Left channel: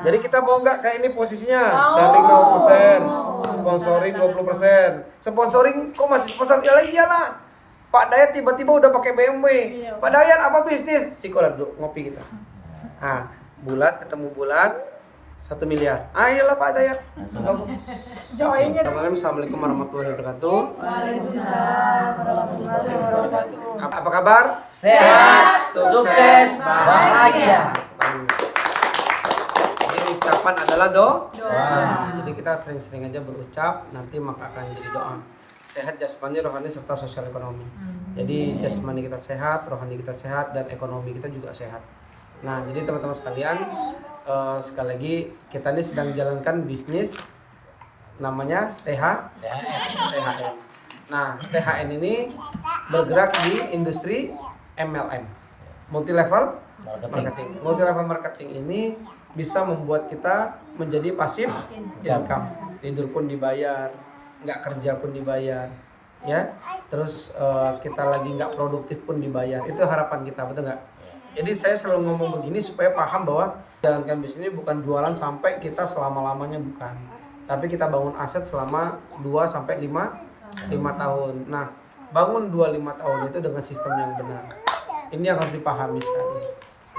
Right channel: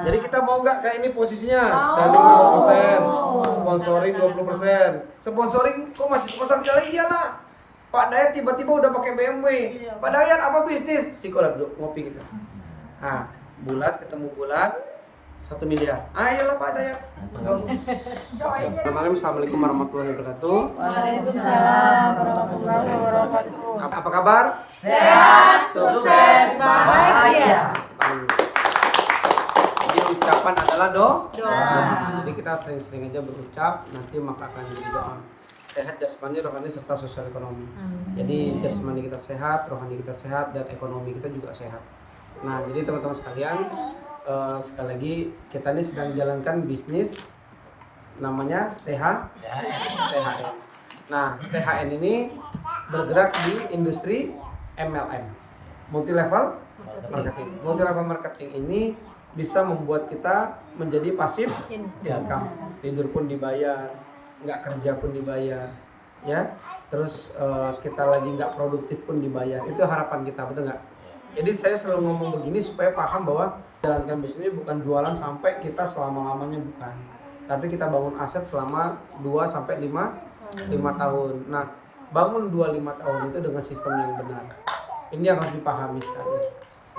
Jadi kita mau nggak kayak ini posisinya? Selling 0%, sponsoring 20%. Sponsoring kok masih sponsor? Iyalah. Pak Dayat tiba-tiba udah pakai BMW. Pak Dayat apa bisnis? Psikolog duduk ngopi kita. Ah, bulat ketemu bulat 1 miliar. Ayolah Pak Dayat. Assalamualaikum warahmatullahi wabarakatuh. Waalaikumsalam warahmatullahi wabarakatuh. Apa kabar? Sehat, sukses, bahagia. Jadi ucapan adalah doa. Doa. Jadi kita sering-sering aja berucap, nanti maka akan jadi doa. Sehat jasmani, rohani serta sosial ekonomi. Jadi jasmani kita sehat, rohani kita sehat, dan ekonomi kita juga sehat. Nah, jadi teman-teman sekalian, sekali lagi kita ini sedang jalankan bisnis namanya THN. Nah, THN ini bergerak di industri MLM, multi level marketing. Multi level marketing ini bisa membuat kita menjadi pasif income. Tidur pun dibayar, nggak kerja pun dibayar, ya. Terus kita lagi nggak produktif pun dibayar. Itu harapan kita, betul nggak? Jadi saya selalu ngomong begini supaya paham bahwa jalankan bisnis ini bukan jualan sampai kita selama-lamanya, bukan. Tapi kita bangun aset selama 2 sampai 5 tahun. Nah, bangun 2-5 tahun itu dengan sistem yang benar. Ini yang harus dipahami sekali.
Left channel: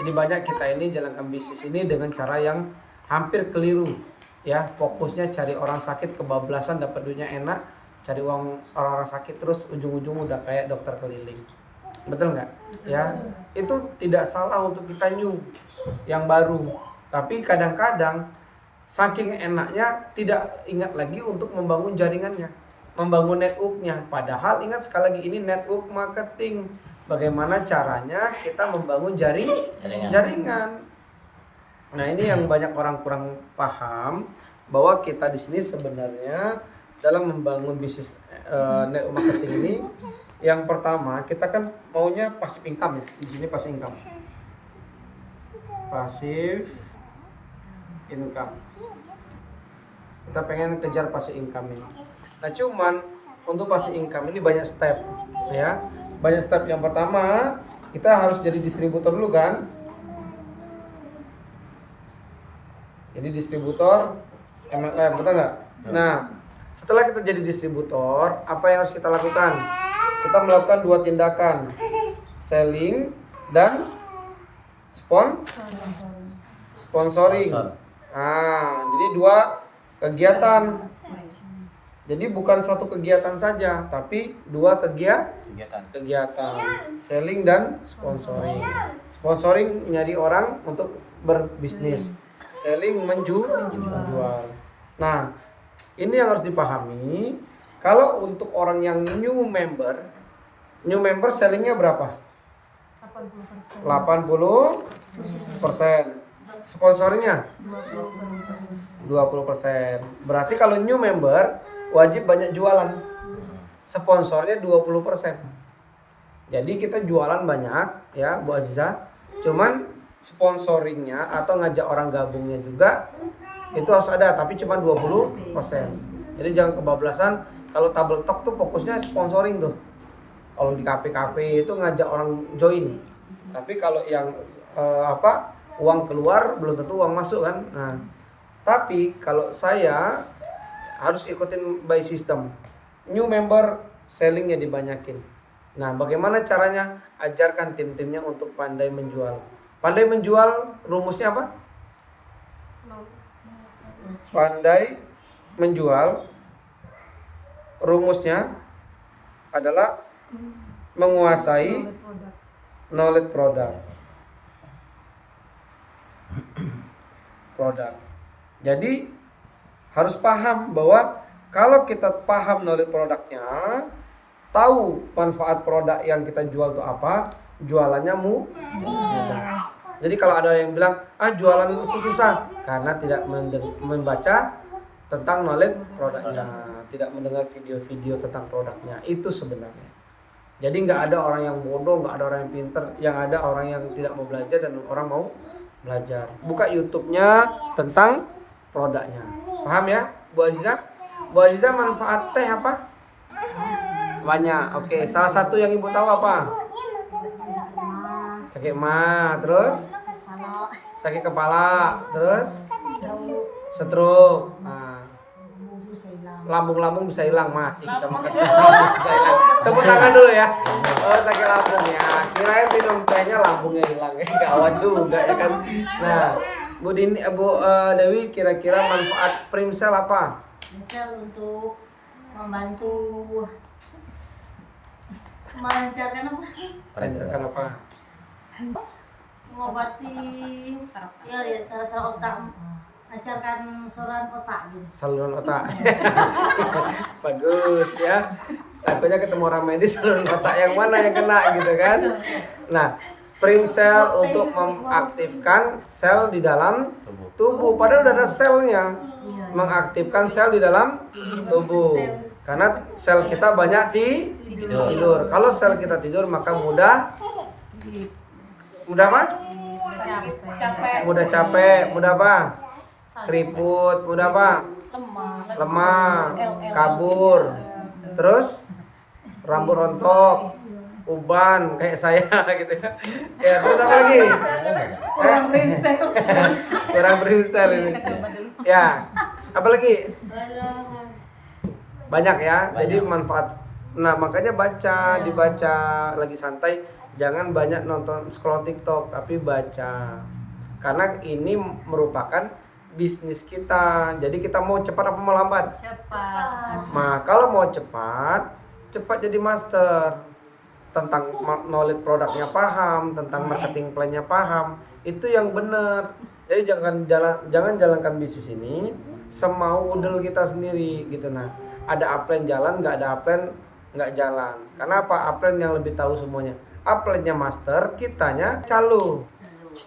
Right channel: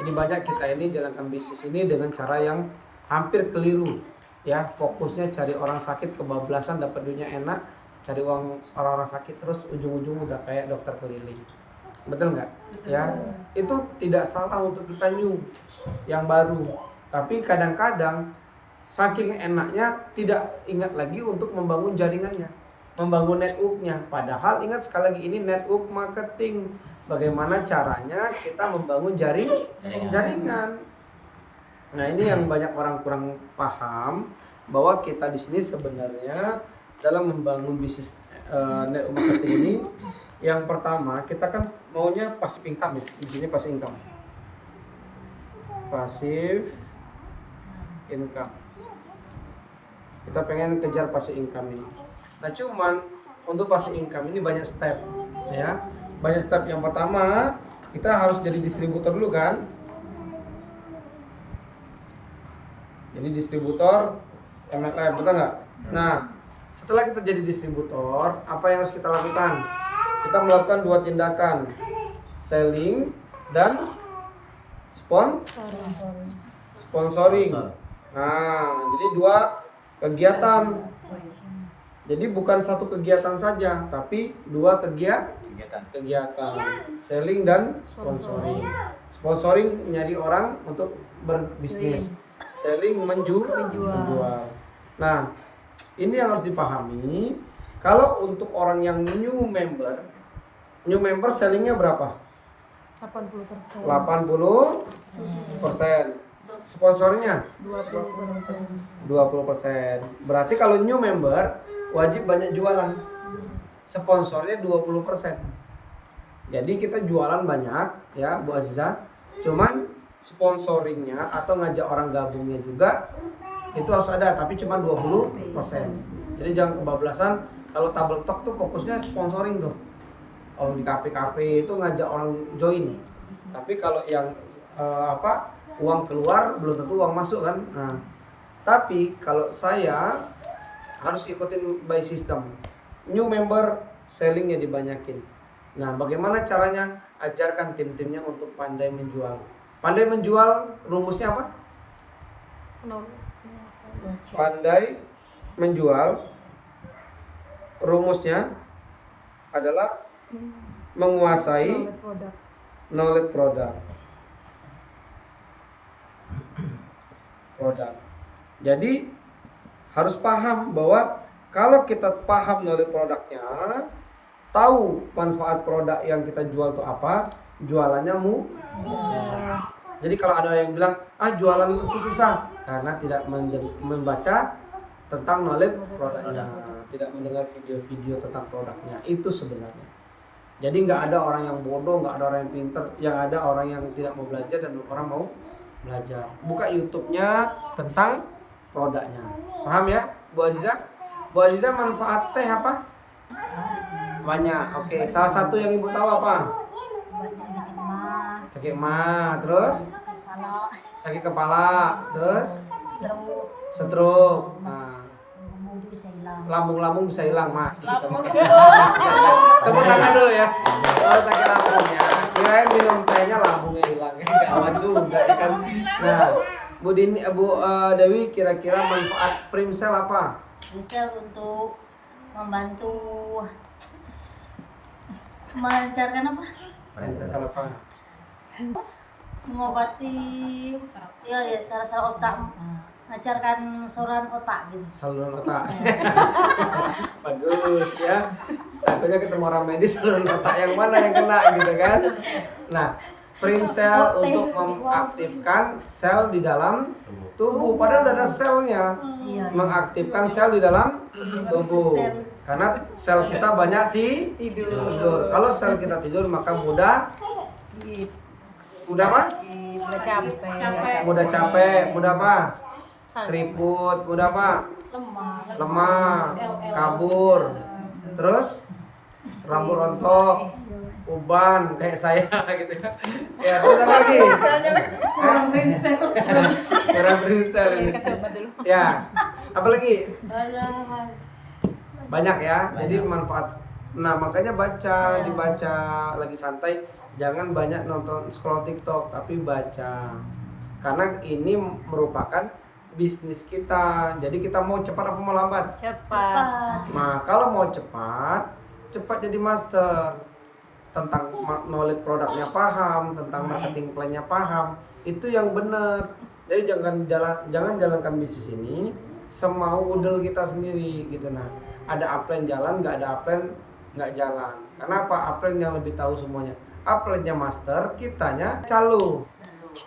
Jadi banyak kita ini jalankan bisnis ini dengan cara yang hampir keliru. Ya, fokusnya cari orang sakit, kebablasan, dapat duitnya enak, cari uang orang-orang sakit, terus ujung-ujung udah kayak dokter keliling. Betul nggak? Ya, itu tidak salah untuk kita new yang baru. Tapi kadang-kadang saking enaknya tidak ingat lagi untuk membangun jaringannya, membangun networknya. Padahal ingat sekali lagi ini network marketing. Bagaimana caranya kita membangun jaringan. Nah, ini yang banyak orang kurang paham, bahwa kita di sini sebenarnya dalam membangun bisnis network marketing ini, yang pertama kita kan maunya passive income ya. Di sini passive income. Passive income. Kita pengen kejar passive income ini. Nah, cuman untuk passive income ini banyak step, ya. Banyak step. Yang pertama, kita harus jadi distributor dulu kan. Jadi distributor MLM, betul nggak? Nah, setelah kita jadi distributor, apa yang harus kita lakukan? Kita melakukan 2 tindakan, selling dan sponsoring. Nah, jadi 2 kegiatan. Jadi bukan 1 kegiatan saja, tapi 2 kegiatan, selling dan sponsoring. Sponsoring nyari orang untuk berbisnis, selling menjual. Nah, ini yang harus dipahami. Kalau untuk orang yang new member sellingnya berapa? 80%. Sponsornya 20%. Berarti kalau new member wajib banyak jualan. Sponsornya 20%. Jadi kita jualan banyak ya, Bu Aziza. Cuman sponsoringnya atau ngajak orang gabungnya juga itu harus ada, tapi cuma 20%. Jadi jangan kebablasan. Kalau Table Talk tuh fokusnya sponsoring tuh. Kalau di kafe-kafe itu ngajak orang join. Tapi kalau yang uang keluar belum tentu uang masuk kan. Nah, tapi kalau saya harus ikutin by system. New member sellingnya dibanyakin. Nah, bagaimana caranya? Ajarkan tim-timnya untuk pandai menjual. Pandai menjual rumusnya apa? Pandai menjual rumusnya adalah menguasai knowledge product. Jadi harus paham bahwa kalau kita paham knowledge produknya, tahu manfaat produk yang kita jual itu apa, jualannya mudah. Jadi kalau ada yang bilang, jualan itu susah, karena tidak membaca tentang knowledge produknya, tidak mendengar video-video tentang produknya. Itu sebenarnya. Jadi nggak ada orang yang bodoh, nggak ada orang yang pinter, yang ada orang yang tidak mau belajar dan orang mau belajar. Buka YouTube-nya tentang produknya. Paham ya, Bu Aziza? Bu Aziza, manfaat teh apa? Banyak. Oke, salah satu yang Ibu tahu apa? Sakit mah, terus sakit kepala, terus Stroke. Nah, Lambung bisa hilang. lambung-lambung bisa hilang, mati kita makan. Bisa hilang. Tepuk tangan dulu ya. Oh, sakit lambung ya. Kirain minum tehnya lambungnya hilang. Gawat juga ya kan. Nah, Bu Dewi, kira-kira manfaat Primsel apa? Bisa untuk membantu melancarkan apa? Lancarkan apa? Mengobati ya saraf otak, melancarkan saluran otak gitu. Saluran otak. Bagus ya. Takutnya ketemu orang medis saluran otak yang mana yang kena gitu kan. Nah, Primsel untuk mengaktifkan sel di dalam tubuh. Padahal udah ada selnya. Mengaktifkan sel di dalam tubuh. Karena sel kita banyak tidur. Kalau sel kita tidur maka mudah apa? Mudah capek, mudah apa? Keriput, mudah apa? Lemah, kabur. Terus rambut rontok, uban kayak saya gitu ya. Ya, terus apa lagi? Kurang Primsel ini. Ya. Apa lagi? Banyak ya. Jadi manfaat. Nah, makanya dibaca lagi santai, jangan banyak nonton scroll TikTok, tapi baca. Karena ini merupakan bisnis kita. Jadi kita mau cepat apa mau lambat? Cepat. Nah, kalau mau cepat jadi master. Tentang knowledge produknya paham, tentang marketing plan-nya paham. Itu yang benar. Jadi jangan jalankan bisnis ini semau udel kita sendiri gitu. Nah, ada upline jalan, nggak ada upline nggak jalan. Karena apa? Upline yang lebih tahu semuanya. Upline-nya master, kitanya calo.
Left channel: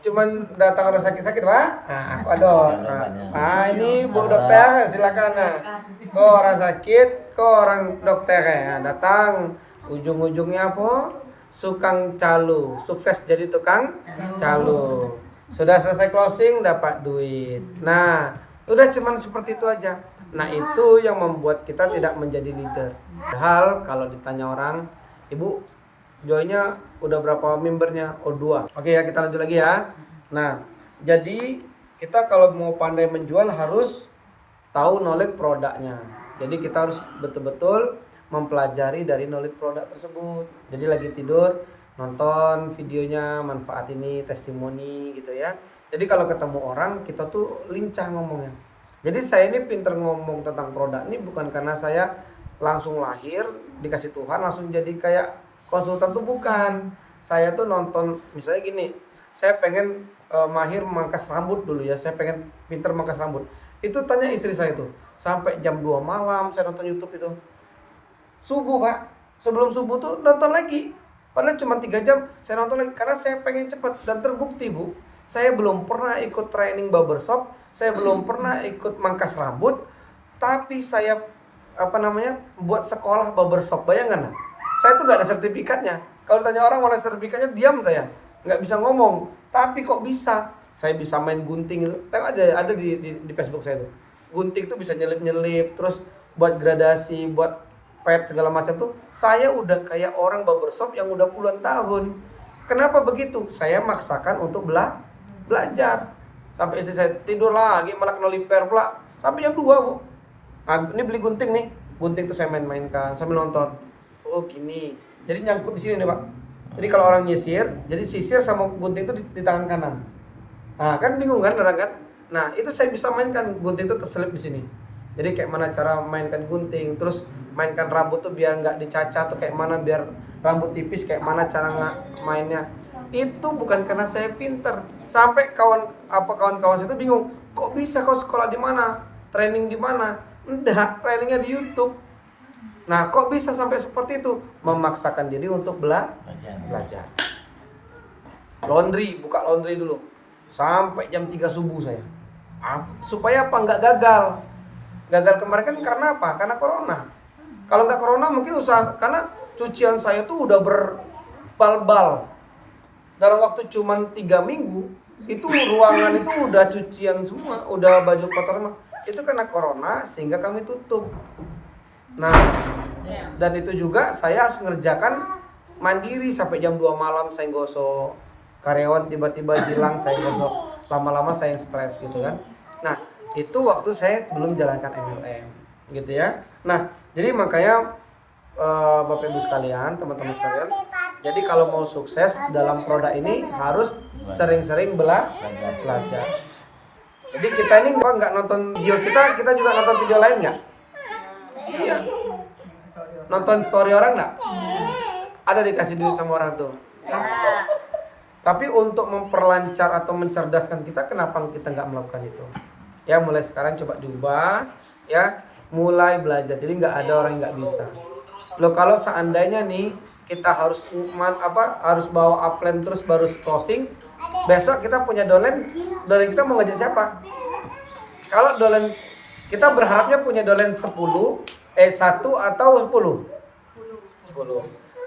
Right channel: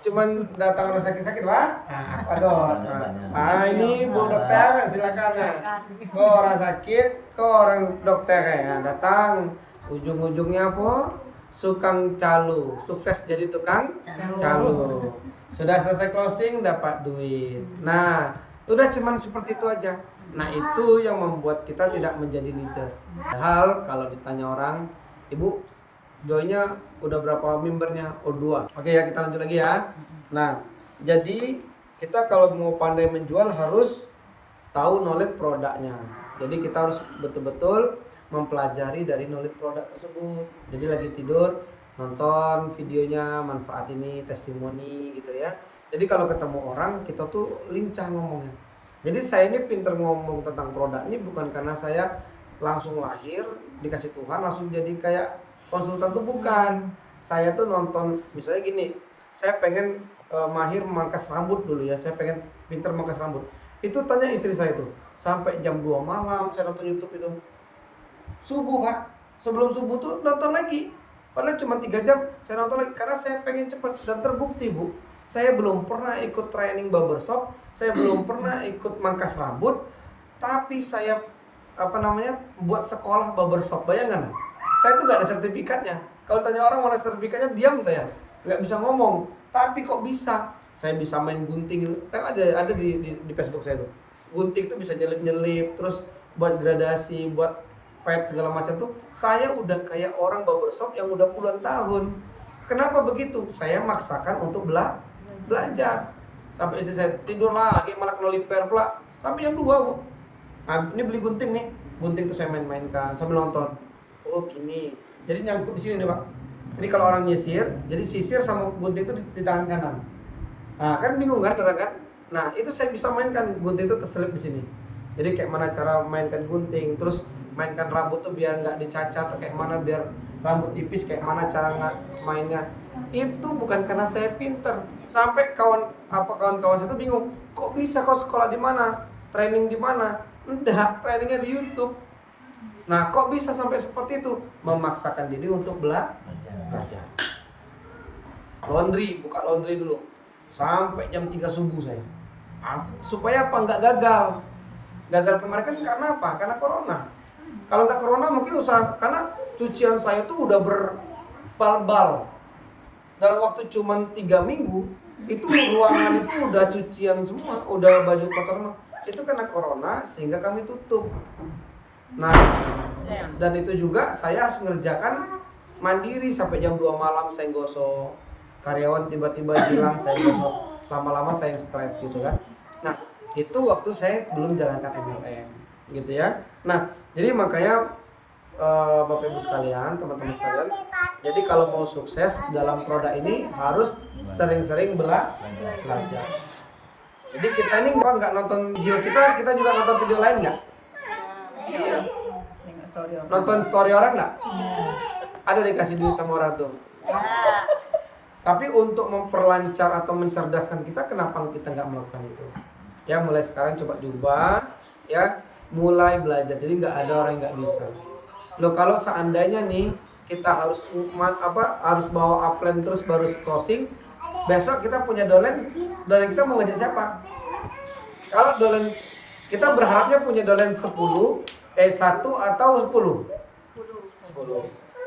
Cuman datang orang sakit-sakit, Pak. Nah, waduh. Nah, ini Bu Dokter, silakan. Nah. Kok orang sakit, kok orang dokter ya datang. Ujung-ujungnya apa? Sukang calo. Sukses jadi tukang calo. Sudah selesai closing dapat duit. Nah, udah cuman seperti itu aja. Nah, itu yang membuat kita tidak menjadi leader. Padahal kalau ditanya orang, Ibu joinnya udah berapa membernya? Oh, 2. Oke ya, kita lanjut lagi ya. Nah, jadi kita kalau mau pandai menjual harus tahu knowledge produknya. Jadi kita harus betul-betul mempelajari dari knowledge produk tersebut. Jadi lagi tidur, nonton videonya, manfaat ini, testimoni gitu ya. Jadi kalau ketemu orang, kita tuh lincah ngomongnya. Jadi saya ini pinter ngomong tentang produk ini bukan karena saya langsung lahir, dikasih Tuhan langsung jadi kayak konsultan tuh bukan. Saya tuh nonton, misalnya gini, saya pengen mahir memangkas rambut dulu ya, saya pengen pinter memangkas rambut. Itu tanya istri saya tuh, sampai jam 2 malam saya nonton YouTube itu. Subuh, Pak, sebelum subuh tuh nonton lagi. Padahal cuma 3 jam saya nonton lagi karena saya pengen cepat. Dan terbukti, Bu, saya belum pernah ikut training barbershop, saya belum pernah ikut mangkas rambut, tapi saya buat sekolah barbershop. Bayangkan, saya tuh gak ada sertifikatnya. Kalau tanya orang mana sertifikatnya, diam saya, nggak bisa ngomong. Tapi kok bisa? Saya bisa main gunting itu. Tengok aja ada di Facebook saya tuh. Gunting tuh bisa nyelip-nyelip, terus buat gradasi, buat pet segala macam tuh. Saya udah kayak orang barbershop yang udah puluhan tahun. Kenapa begitu? Saya maksakan untuk belajar. Sampai istri saya tidur lagi, malah kena liper pula. Sampai jam 2, Bu. Nah, ini beli gunting nih. Gunting tuh saya main-mainkan sambil nonton. Oh, gini. Jadi nyangkut di sini nih, Pak. Jadi kalau orang nyisir, jadi sisir sama gunting itu di tangan kanan. Nah, kan bingung kan orang kan? Nah, itu saya bisa mainkan, gunting itu terselip di sini. Jadi kayak mana cara mainkan gunting, terus mainkan rambut tuh biar nggak dicacat tuh kayak mana, biar rambut tipis kayak mana cara mainnya. Itu bukan karena saya pinter. Sampai kawan-kawan saya itu bingung, kok bisa kau sekolah di mana? Training di mana? Enggak, trainingnya di YouTube. Nah, kok bisa sampai seperti itu? Memaksakan diri untuk belajar. Buka laundry dulu. Sampai jam 3 subuh saya. Supaya apa? Nggak gagal. Gagal kemarin kan karena apa? Karena corona. Kalau nggak corona mungkin usaha, karena cucian saya tuh udah berbal-bal. Dalam waktu cuman 3 minggu, itu ruangan itu udah cucian semua, udah baju kotor semua. Itu karena corona sehingga kami tutup. Nah, dan itu juga saya harus ngerjakan mandiri sampai jam 2 malam saya gosok. Karyawan tiba-tiba hilang, saya gosok. Lama-lama saya stres gitu kan. Nah, itu waktu saya belum jalankan MLM gitu ya. Nah, jadi makanya Bapak Ibu sekalian, teman-teman sekalian, jadi kalau mau sukses dalam produk ini harus sering-sering belajar. Jadi kita ini nggak nonton video kita juga nonton video lain nggak? Iya. Nonton story orang nggak? Ada dikasih duit sama orang tuh. Tapi untuk memperlancar atau mencerdaskan kita, kenapa kita nggak melakukan itu? Ya mulai sekarang coba diubah, ya mulai belajar. Jadi nggak ada orang yang nggak bisa. Loh kalau seandainya nih kita harus harus bawa upline terus baru closing, besok kita punya dolen kita mau ngajak siapa? Kalau dolen kita berharapnya punya dolen 1 atau 10.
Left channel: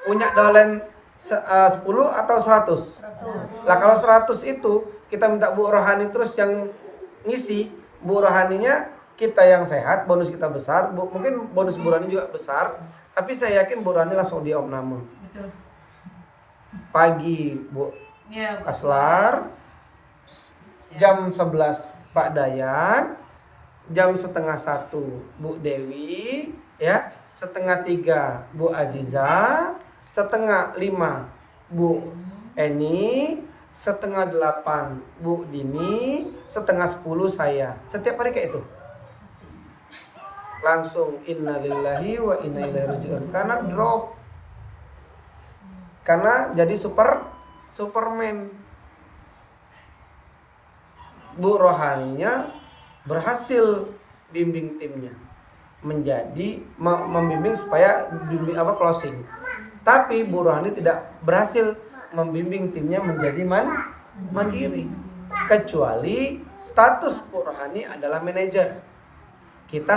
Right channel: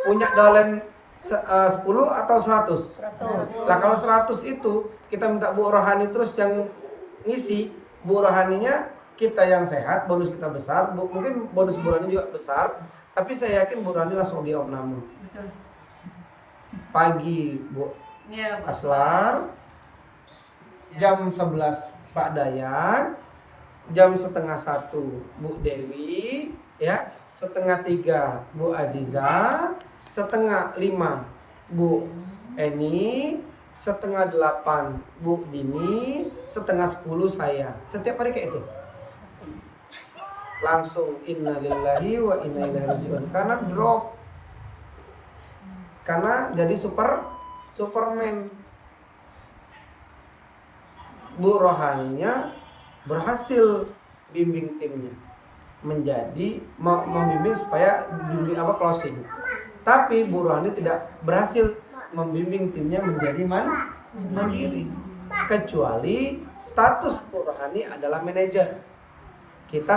Punya dolen 10 atau 100. Lah kalau 100 itu kita minta Bu Rohani terus yang ngisi, Bu Rohaninya kita yang sehat, bonus kita besar, mungkin bonus Bu Rohani juga besar. Tapi saya yakin Bu Rohani langsung diopname. Betul. Pagi Bu Iya, Aslar, jam 11 Pak Dayan, jam 12:30 Bu Dewi, ya, 2:30 Bu Aziza, 4:30 Bu Eni, 7:30 Bu Dini, 9:30 saya. Setiap hari kayak itu. Langsung innalillahi wa inna ilaihi rajiun, karena drop, karena jadi Superman. Bu Rohaninya berhasil bimbing timnya menjadi membimbing supaya closing, tapi Bu Rohani tidak berhasil membimbing timnya menjadi mandiri, kecuali status Bu Rohani adalah manajer, kita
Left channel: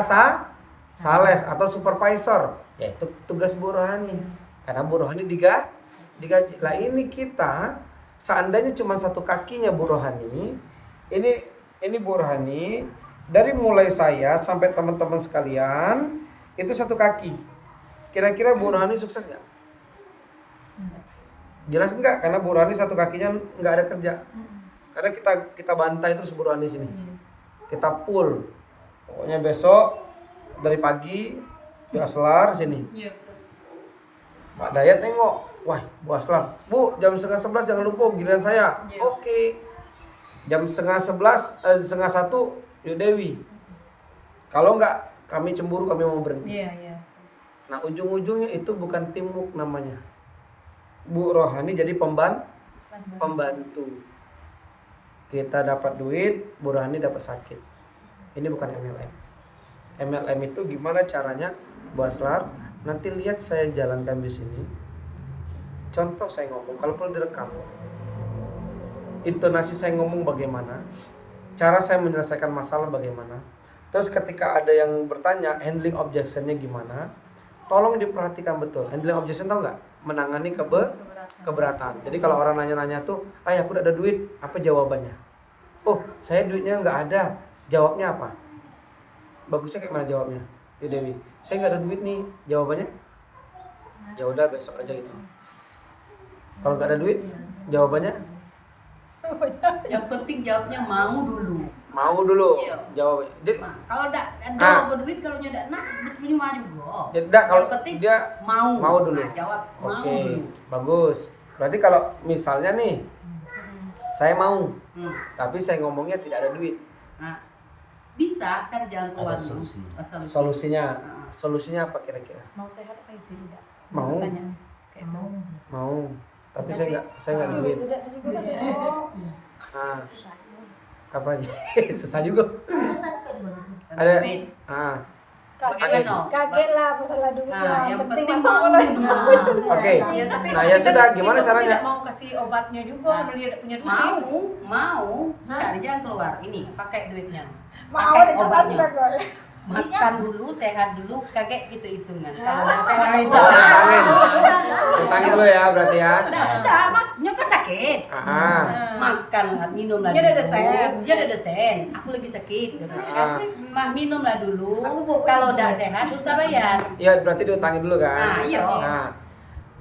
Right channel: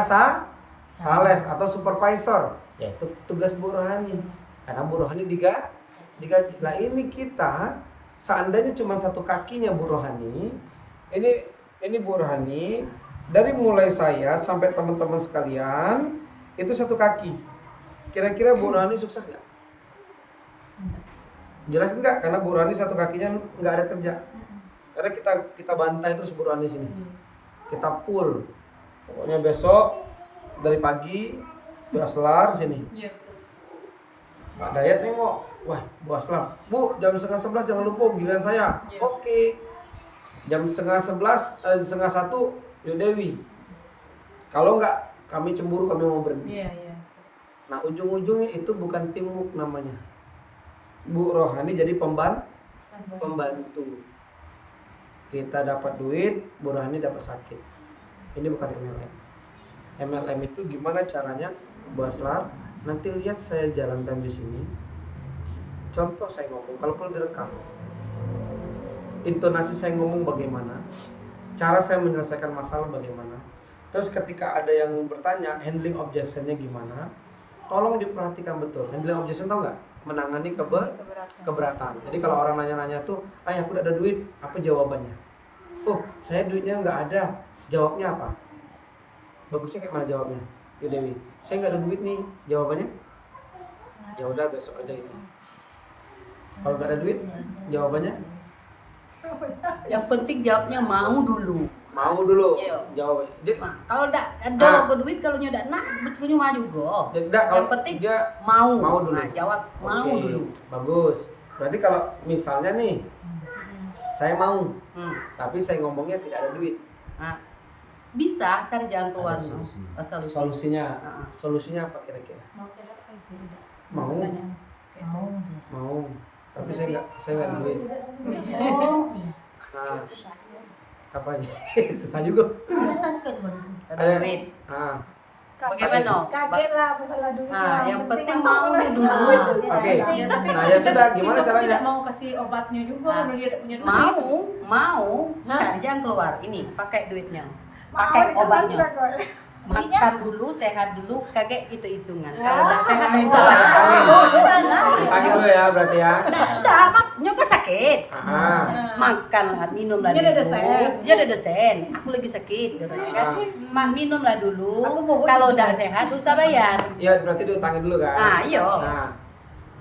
sales atau supervisor, yaitu tugas Bu Rohani, karena Bu Rohani digaji. Lah ini kita seandainya cuma satu kakinya Bu Rohani, ini Bu Rohani dari mulai saya sampai teman-teman sekalian itu satu kaki. Kira-kira Bu Rohani sukses nggak? Jelas enggak, karena Bu Rohani satu kakinya nggak ada kerja. Karena kita bantai terus Bu Rohani sini. Kita full. Pokoknya besok dari pagi Bu Aslar sini. Iya, betul. Pak Dayat nengok, wah Bu Aslar, Bu jam 10:30 jangan lupa giliran saya. Iya. Oke. Jam 10:30, 1:30 Bu Dewi. Kalau enggak kami cemburu, kami mau berhenti. Iya, iya. Nah ujung-ujungnya itu bukan teamwork namanya. Bu Rohani jadi pembantu. Kita dapat duit, Bu Rohani dapat sakit. Ini bukan MLM. MLM itu gimana caranya, Bu Aslar? Nanti lihat saya jalankan di sini. Contoh saya ngomong, kalau perlu direkam. Intonasi saya ngomong bagaimana, cara saya menyelesaikan masalah bagaimana. Terus ketika ada yang bertanya handling objection-nya gimana, tolong diperhatikan betul. Handling objection tahu nggak? Menangani keberatan. Jadi kalau orang nanya-nanya tuh, aku udah ada duit, apa jawabannya? Oh, saya duitnya nggak ada. Jawabnya apa? Bagusnya kayak mana jawabnya? Ya Dewi, saya nggak ada duit nih. Jawabannya? Ya udah besok aja gitu. Kalau nggak ada duit, jawabannya? Yang penting jawabnya mau dulu. Mau dulu. Iya. Jawab. Jadi, Nah, kalau udah ada duit, kalau nyodak nah betul maju go. jadi kalau Yang penting dia mau dulu. Nah, jawab mau Oke, dulu. bagus. Berarti kalau misalnya nih, saya mau, Hmm. tapi saya ngomongnya tidak ada duit. Nah, bisa cari jalan keluar. Ada solusi. Solusi. Solusinya, Nah. solusinya apa kira-kira? Mau sehat apa itu tidak? Mau. Pertanyaan kayak itu. Mau, tapi saya nggak duit. Oh, iya. Nah, apa nih? Susah juga. Susah juga tuh. Ada. Duit. Ah, Bagaimana? Kaget lah masalah duit. Nah, yang penting langsung mau mulai. dulu. Oke. Ya, tapi Nah, ya kita- sudah, gimana kita caranya? tidak mau kasih obatnya juga Nah, kalau dia tidak punya duit. Mau Hah? cari jalan keluar. Ini pakai duitnya. Mau Pakai dikasih obatnya. duit. Makan dulu, sehat dulu, kakek gitu hitungan. Kalau udah sehat Angin. nggak usah bayar. Angin dulu ya berarti ya. Udah, maknya kan sakit. Ah, Makan lah, minum lah Dia ada dulu. dosen. Dia ada dosen. Aku lagi sakit, gitu kan. Minum lah dulu. Kalau udah sehat, usah bayar. ya berarti diutangin dulu kan? Ah, iya. Nah,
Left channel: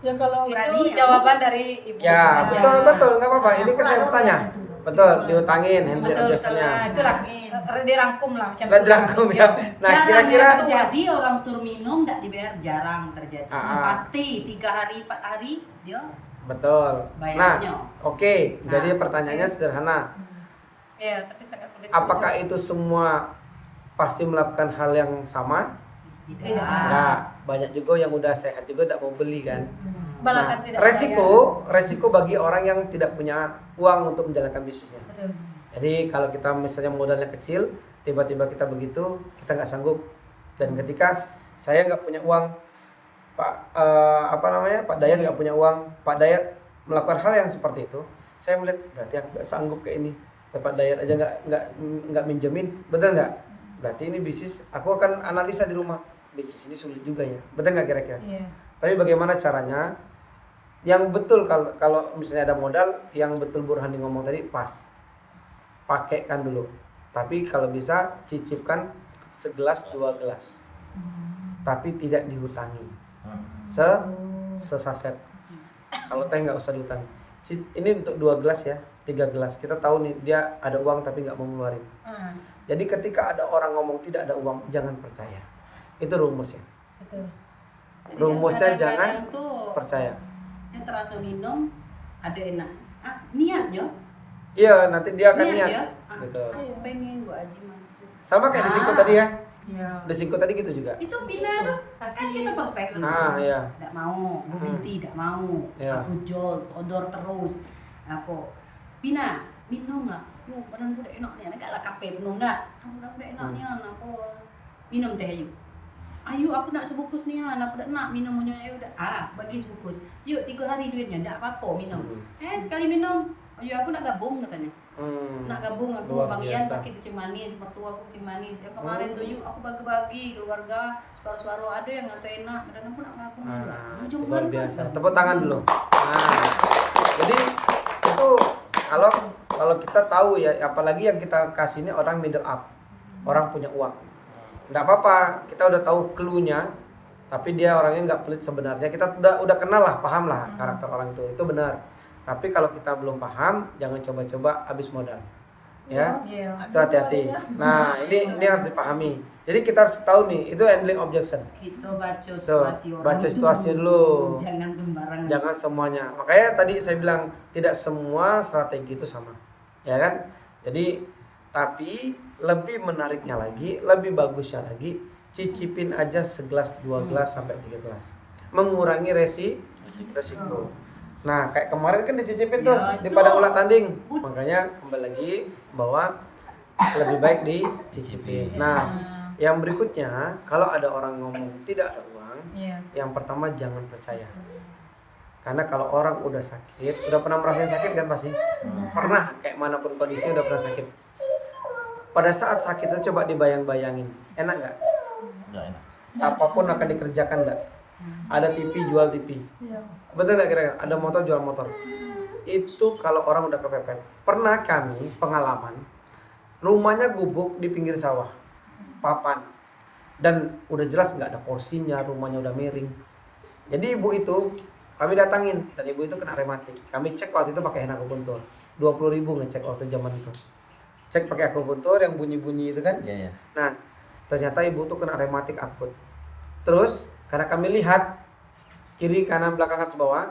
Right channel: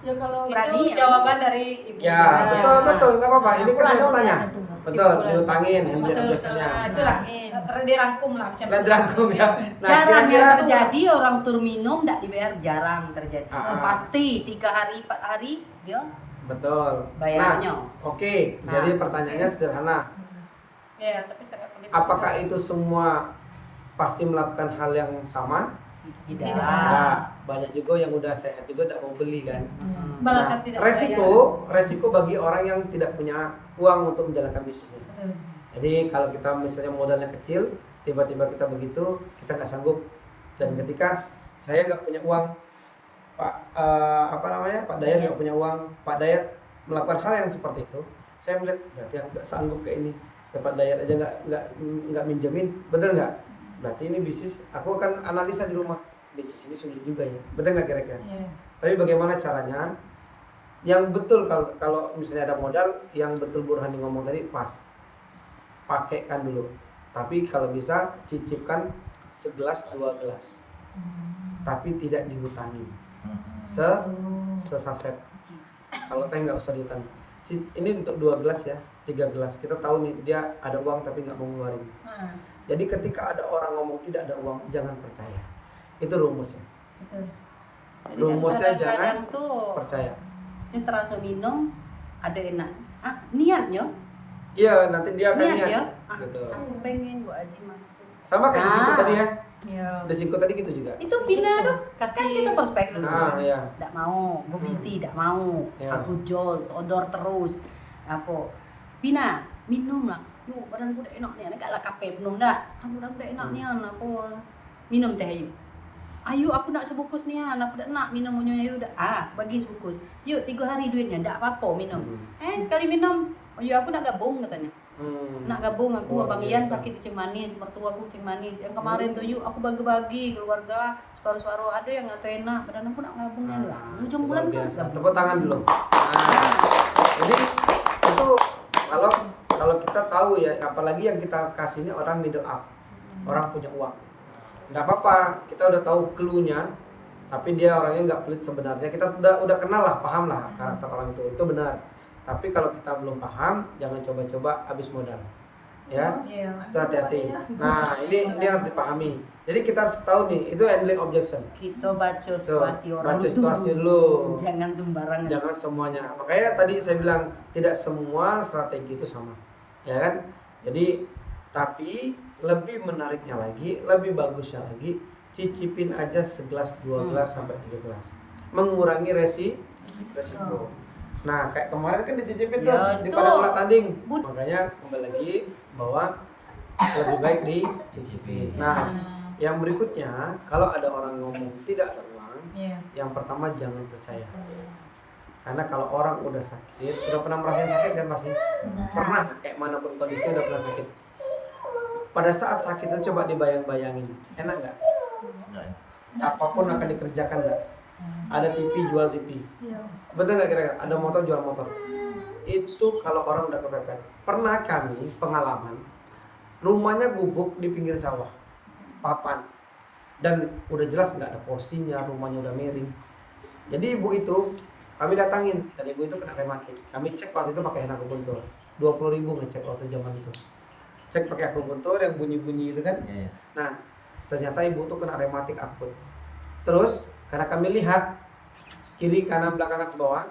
Ya kalau Berani itu jawaban dari ibu. ya betul nggak apa-apa. Ini kan saya bertanya. betul, diutangin handling Betul, betul. biasanya. Nah, itulah dirangkum lah macam Lah dirangkum ya. Nah, jarang kira-kira yang terjadi orang tur minum tidak dibayar, jarang terjadi. Ah. Pasti 3 hari 4 hari dia betul. bayarnya. Nah, oke. Jadi pertanyaannya sederhana. Ya, tapi sangat sulit. Apakah itu semua pasti melakukan hal yang sama? Tidak. Enggak. Banyak juga yang udah sehat juga tidak mau beli kan. Bahkan Nah, tidak resiko bagi orang yang tidak punya uang untuk menjalankan bisnisnya. Betul. Jadi kalau kita misalnya modalnya kecil, tiba-tiba kita begitu, kita nggak sanggup. Dan ketika saya nggak punya uang, Pak Pak Dayat nggak punya uang, Pak Dayat melakukan hal yang seperti itu, saya melihat berarti aku nggak sanggup kayak ini. Pak Dayat aja nggak minjemin, betul nggak? Berarti ini bisnis. Aku akan analisa di rumah, bisnis ini sulit juga ya, betul nggak kira-kira? Iya. Tapi bagaimana caranya? Yang betul kalau misalnya ada modal, yang betul Burhani ngomong tadi pas, pakaikan dulu. Tapi kalau bisa cicipkan segelas 2 gelas, tapi tidak dihutangi. Sesaset. Kalau teh nggak usah dihutangi. Ini untuk 2 gelas ya, 3 gelas. Kita tahu nih dia ada uang tapi nggak mau ngeluarin. Jadi ketika ada orang ngomong tidak ada uang, jangan percaya. Itu rumusnya. Betul. Rumusnya jangan Kadang-kadang tuh percaya. yang terasa minum ada enak. Niatnya. Iya, nanti dia akan Niat niat. ya. Gitu. Aku pengen Bu Aji masuk. Sama kayak di Singko tadi ya. Iya. Di Singko tadi gitu juga. Itu Pina tuh Kasih- kan kita prospek Iya. Tidak mau, gue binti tidak mau. Iya. Aku jual, seodor terus. Apa? Pina, minum lah. Yuk, badan gue udah enak nih. Enggak lah kape penuh dah. Aku udah enak nih, apa? Minum teh ayu. Ayo, aku nak sebungkus nih, anak udah nak minum punya ayu udah. Bagi sebungkus. Yuk, 3 hari duitnya, enggak apa-apa minum. Sekali minum. Oh, yuk aku nak gabung katanya. Nak gabung aku Luar Bang Ian biasa. sakit kucing manis, mertua aku kucing manis. Yang kemarin tuh yuk aku bagi-bagi keluarga, separuh-separuh ada yang nggak enak, badan aku nak gabung lah. Ujung Luar bulan kan biasa. gabung. Tepuk tangan dulu. Nah, jadi itu kalau kita tahu ya, apalagi yang kita kasih ini orang middle up, orang punya uang. Nggak apa-apa, kita udah tahu clue-nya, tapi dia orangnya nggak pelit sebenarnya. Kita udah kenal lah, paham lah karakter orang itu benar. Tapi kalau kita belum paham, jangan coba-coba habis modal. Ya, Iya. itu hati-hati. Nah, ini harus dipahami. Jadi kita harus tahu nih, itu handling objection. Kita baca Tuh, situasi orang baca situasi dulu. Jangan sembarangan. Jangan semuanya. Makanya tadi saya bilang tidak semua strategi itu sama. Ya kan? Jadi tapi lebih menariknya lagi, lebih bagusnya lagi, cicipin aja segelas, 2 gelas sampai 3 gelas. Mengurangi resiko. Nah, kayak kemarin kan dicicipin tuh Ya, di itu. Padang Ulat Tanding. Makanya kembali lagi bahwa lebih baik dicicipin. Nah, yang berikutnya, kalau ada orang ngomong tidak ada uang, Iya. yang pertama jangan percaya. Karena kalau orang udah sakit, udah pernah merasain sakit kan pasti? Pernah, kayak manapun kondisinya udah pernah sakit. Pada saat sakit itu coba dibayang-bayangin, enak nggak? Apapun akan dikerjakan nggak? Ada TV jual TV, betul nggak kira-kira? Ada motor jual motor. Itu kalau orang udah kepepet. Pernah kami pengalaman, rumahnya gubuk di pinggir sawah, papan, dan udah jelas nggak ada kursinya, rumahnya udah miring. Jadi ibu itu kami datangin, dan ibu itu kena rematik. Kami cek waktu itu pakai akupuntur, 20.000 ngecek waktu zaman itu. Cek pakai akupuntur yang bunyi-bunyi itu kan. Iya, iya. Nah, ternyata ibu tuh kena rematik akut. Terus karena kami lihat kiri kanan belakang atas bawah,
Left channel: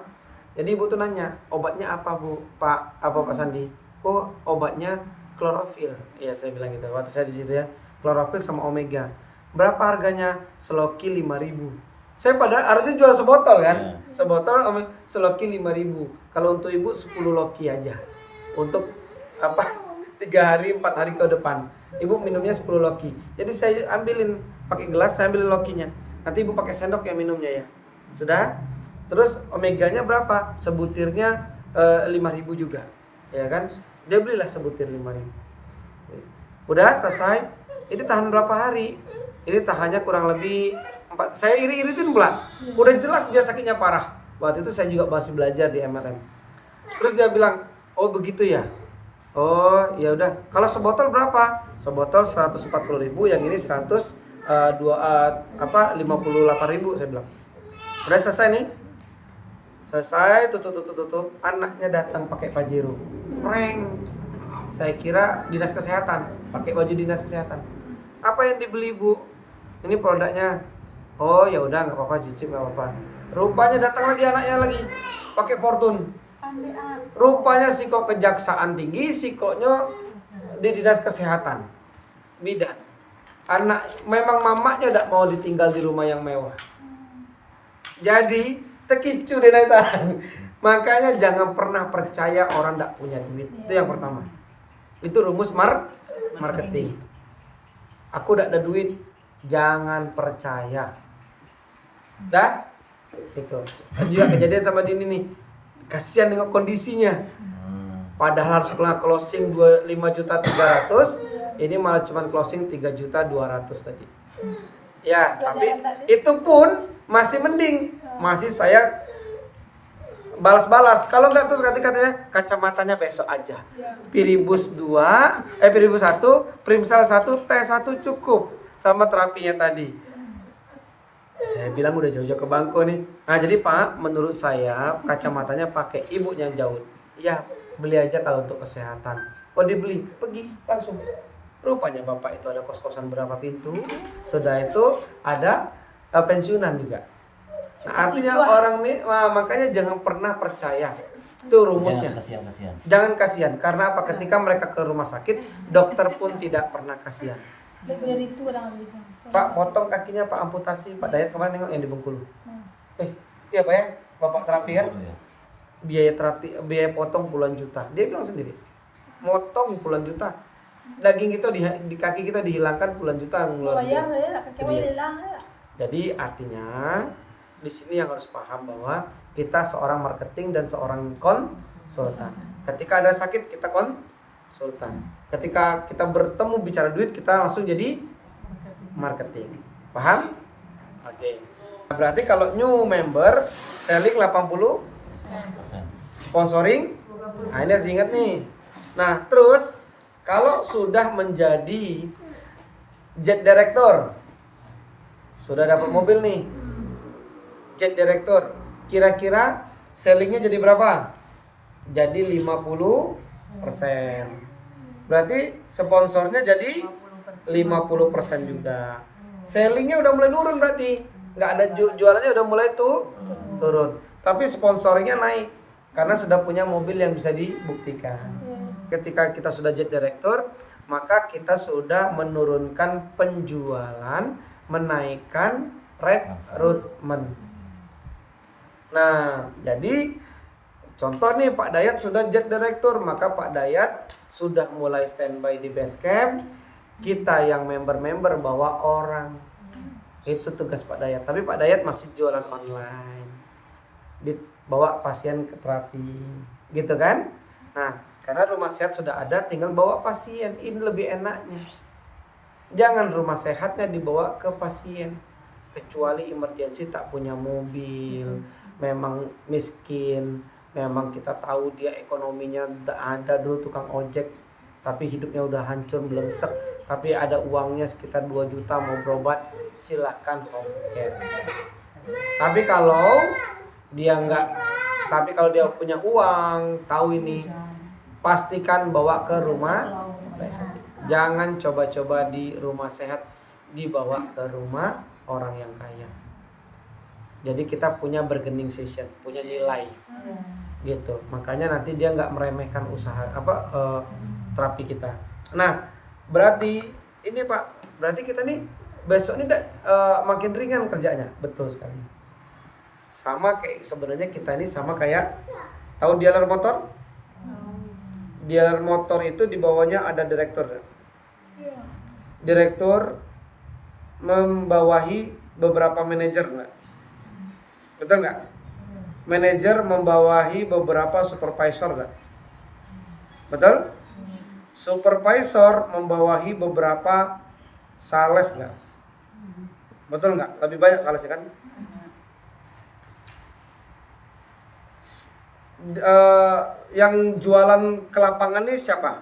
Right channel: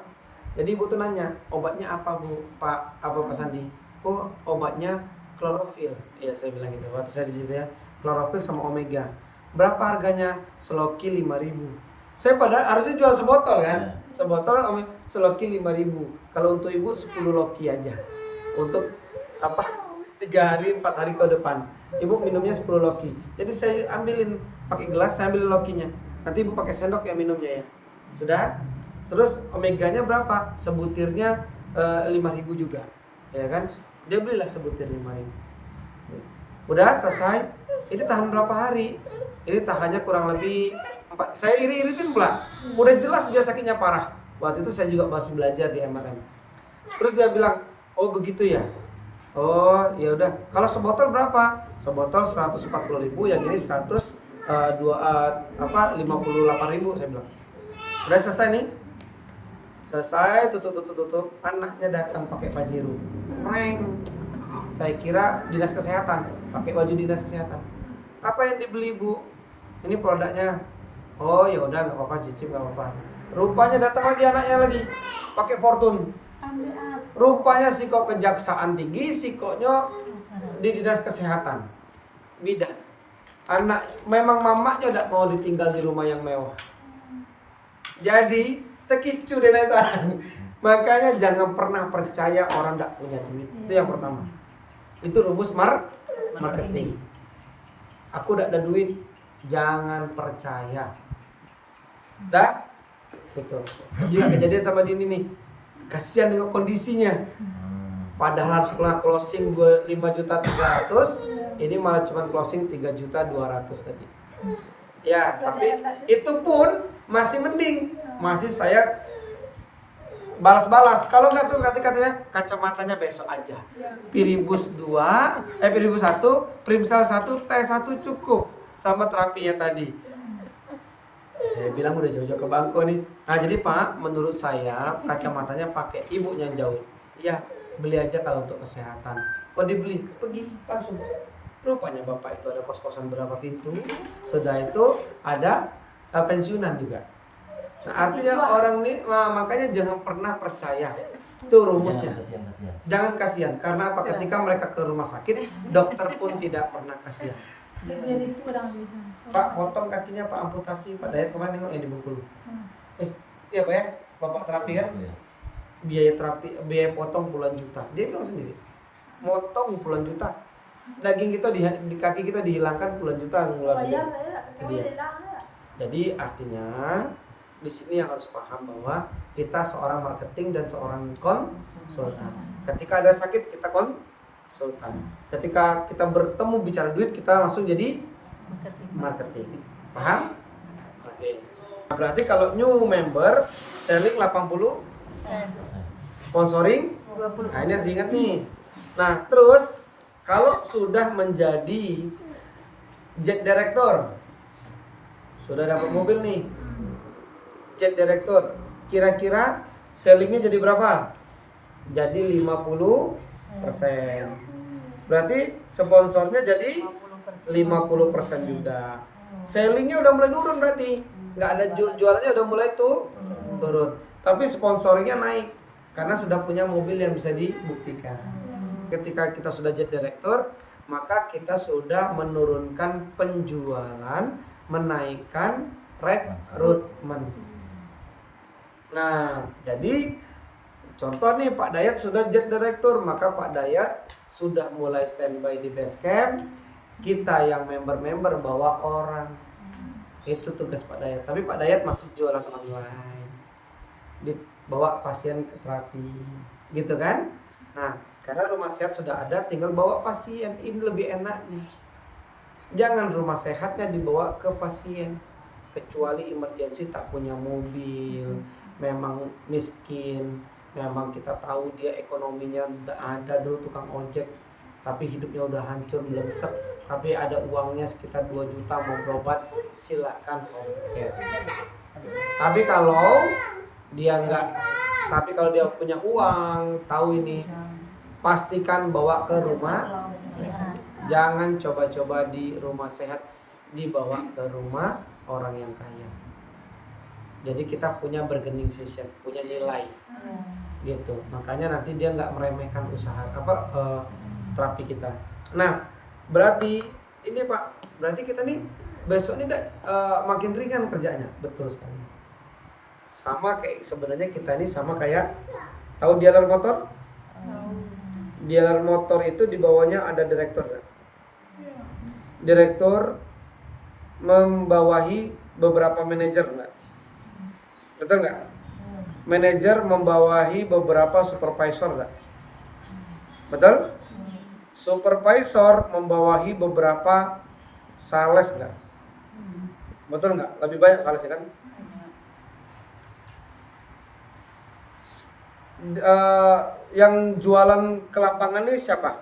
jadi ibu tuh nanya, obatnya apa Bu? Pak Sandi? Oh, obatnya klorofil. Iya, saya bilang gitu. Waktu saya di situ ya, klorofil sama omega. Berapa harganya? Seloki 5.000. Saya pada harusnya jual sebotol kan? Sebotol seloki 5.000. Kalau untuk ibu 10 loki aja. Untuk 3 hari 4 hari ke depan. Ibu minumnya 10 loki. Jadi saya ambilin pakai gelas, saya ambil lokinya. Nanti ibu pakai sendok ya minumnya ya. Sudah? Terus omeganya berapa? Sebutirnya 5.000 juga. Ya kan? Dia belilah sebutir 5.000. Udah selesai. Ini tahan berapa hari? Ini tahannya kurang lebih 4. Saya iri-iritin pula. Udah jelas dia sakitnya parah. Waktu itu saya juga masih belajar di MLM. Terus dia bilang, "Oh, begitu ya?" Oh, ya udah. Kalau sebotol berapa? Sebotol 140.000, yang ini 58.000 saya bilang. Udah selesai nih. Selesai, tutup. Anaknya datang pakai pajero. Prank. Saya kira dinas kesehatan, pakai baju dinas kesehatan. Apa yang dibeli Bu? Ini produknya. Oh ya udah nggak apa-apa, cicip nggak apa-apa. Rupanya datang lagi anaknya lagi, pakai Fortune. Rupanya si kok kejaksaan tinggi, si koknya di dinas kesehatan. Bidan. Anak memang mamanya tidak mau ditinggal di rumah yang mewah. Jadi tekicu deh naitan. Makanya jangan pernah percaya orang tidak punya duit. Itu yang pertama. Itu rumus marketing. Aku tidak ada duit, jangan percaya. Dah? Itu. Juga kejadian sama Dini nih. Kasihan dengan kondisinya. Padahal harus closing 5.300.000, ini malah cuma closing 3.200.000 tadi. Ya, tapi itu pun masih mending. Masih saya balas-balas. Kalau enggak tuh katanya kacamatanya besok aja. Piribus 1, Primsel 1, T1 cukup sama terapinya tadi. Saya bilang udah jauh-jauh ke Bangko nih. Nah, jadi Pak, menurut saya kacamatanya pakai ibu yang jauh. Ya, beli aja kalau untuk kesehatan. Oh, dibeli, pergi langsung. Rupanya Bapak itu ada kos-kosan berapa pintu. Sudah itu ada pensiunan juga. Nah, artinya orang nih, makanya jangan pernah percaya. Itu rumusnya. Jangan kasihan. Karena apa? Ketika mereka ke rumah sakit, dokter pun tidak pernah kasihan. Pak, potong kakinya, Pak, amputasi. Pak Dayat kemarin nengok yang di Bengkulu. Iya Pak ya, Bapak terapi kan? Biaya terapi, biaya potong puluhan juta. Dia bilang sendiri, potong puluhan juta. Daging kita di kaki kita dihilangkan puluhan juta ngeluarin. Jadi artinya di sini yang harus paham bahwa kita seorang marketing dan seorang konsultan. Ketika ada sakit kita konsultan. Ketika kita bertemu bicara duit kita langsung jadi marketing. Paham? Oke. Berarti kalau new member selling 80, sponsoring. Nah, ini harus diingat nih. Nah, terus kalau sudah menjadi jet director, sudah dapat mobil nih, jet director, kira-kira sellingnya jadi berapa? Jadi 50%. Berarti sponsornya jadi 50% juga. Sellingnya udah mulai turun berarti. Nggak ada jualannya udah mulai turun. Tapi sponsornya naik karena sudah punya mobil yang bisa dibuktikan. Ketika kita sudah jet director, maka kita sudah menurunkan penjualan, menaikkan rekrutmen. Nah, jadi contoh nih Pak Dayat sudah jet director, maka Pak Dayat sudah mulai standby di base camp. Kita yang member-member bawa orang. Itu tugas Pak Dayat. Tapi Pak Dayat masih jualan online. Bawa pasien ke terapi. Gitu kan? Nah, karena rumah sehat sudah ada, tinggal bawa pasien. Ini lebih enaknya. Jangan rumah sehatnya dibawa ke pasien. Kecuali emergency tak punya mobil, memang miskin, memang kita tahu dia ekonominya tidak ada, dulu tukang ojek tapi hidupnya udah hancur belensek, tapi ada uangnya sekitar 2 juta mau berobat, silakan home care. Tapi kalau dia punya uang, tahu ini, pastikan bawa ke rumah sehat. Jangan coba-coba di rumah sehat dibawa ke rumah orang yang kaya. Jadi kita punya bargaining session, punya nilai, gitu. Makanya nanti dia nggak meremehkan usaha terapi kita. Nah, berarti ini Pak, berarti kita nih besok ini makin ringan kerjanya, betul sekali. Sama kayak sebenarnya kita ini sama kayak tahu dealer motor? Dealer motor itu di bawahnya ada direktur. Direktur membawahi beberapa manajer enggak? Betul nggak? Manajer membawahi beberapa supervisor nggak? Betul? Supervisor membawahi beberapa sales nggak? Betul nggak? Lebih banyak salesnya kan? Yang jualan ke lapangan ini siapa?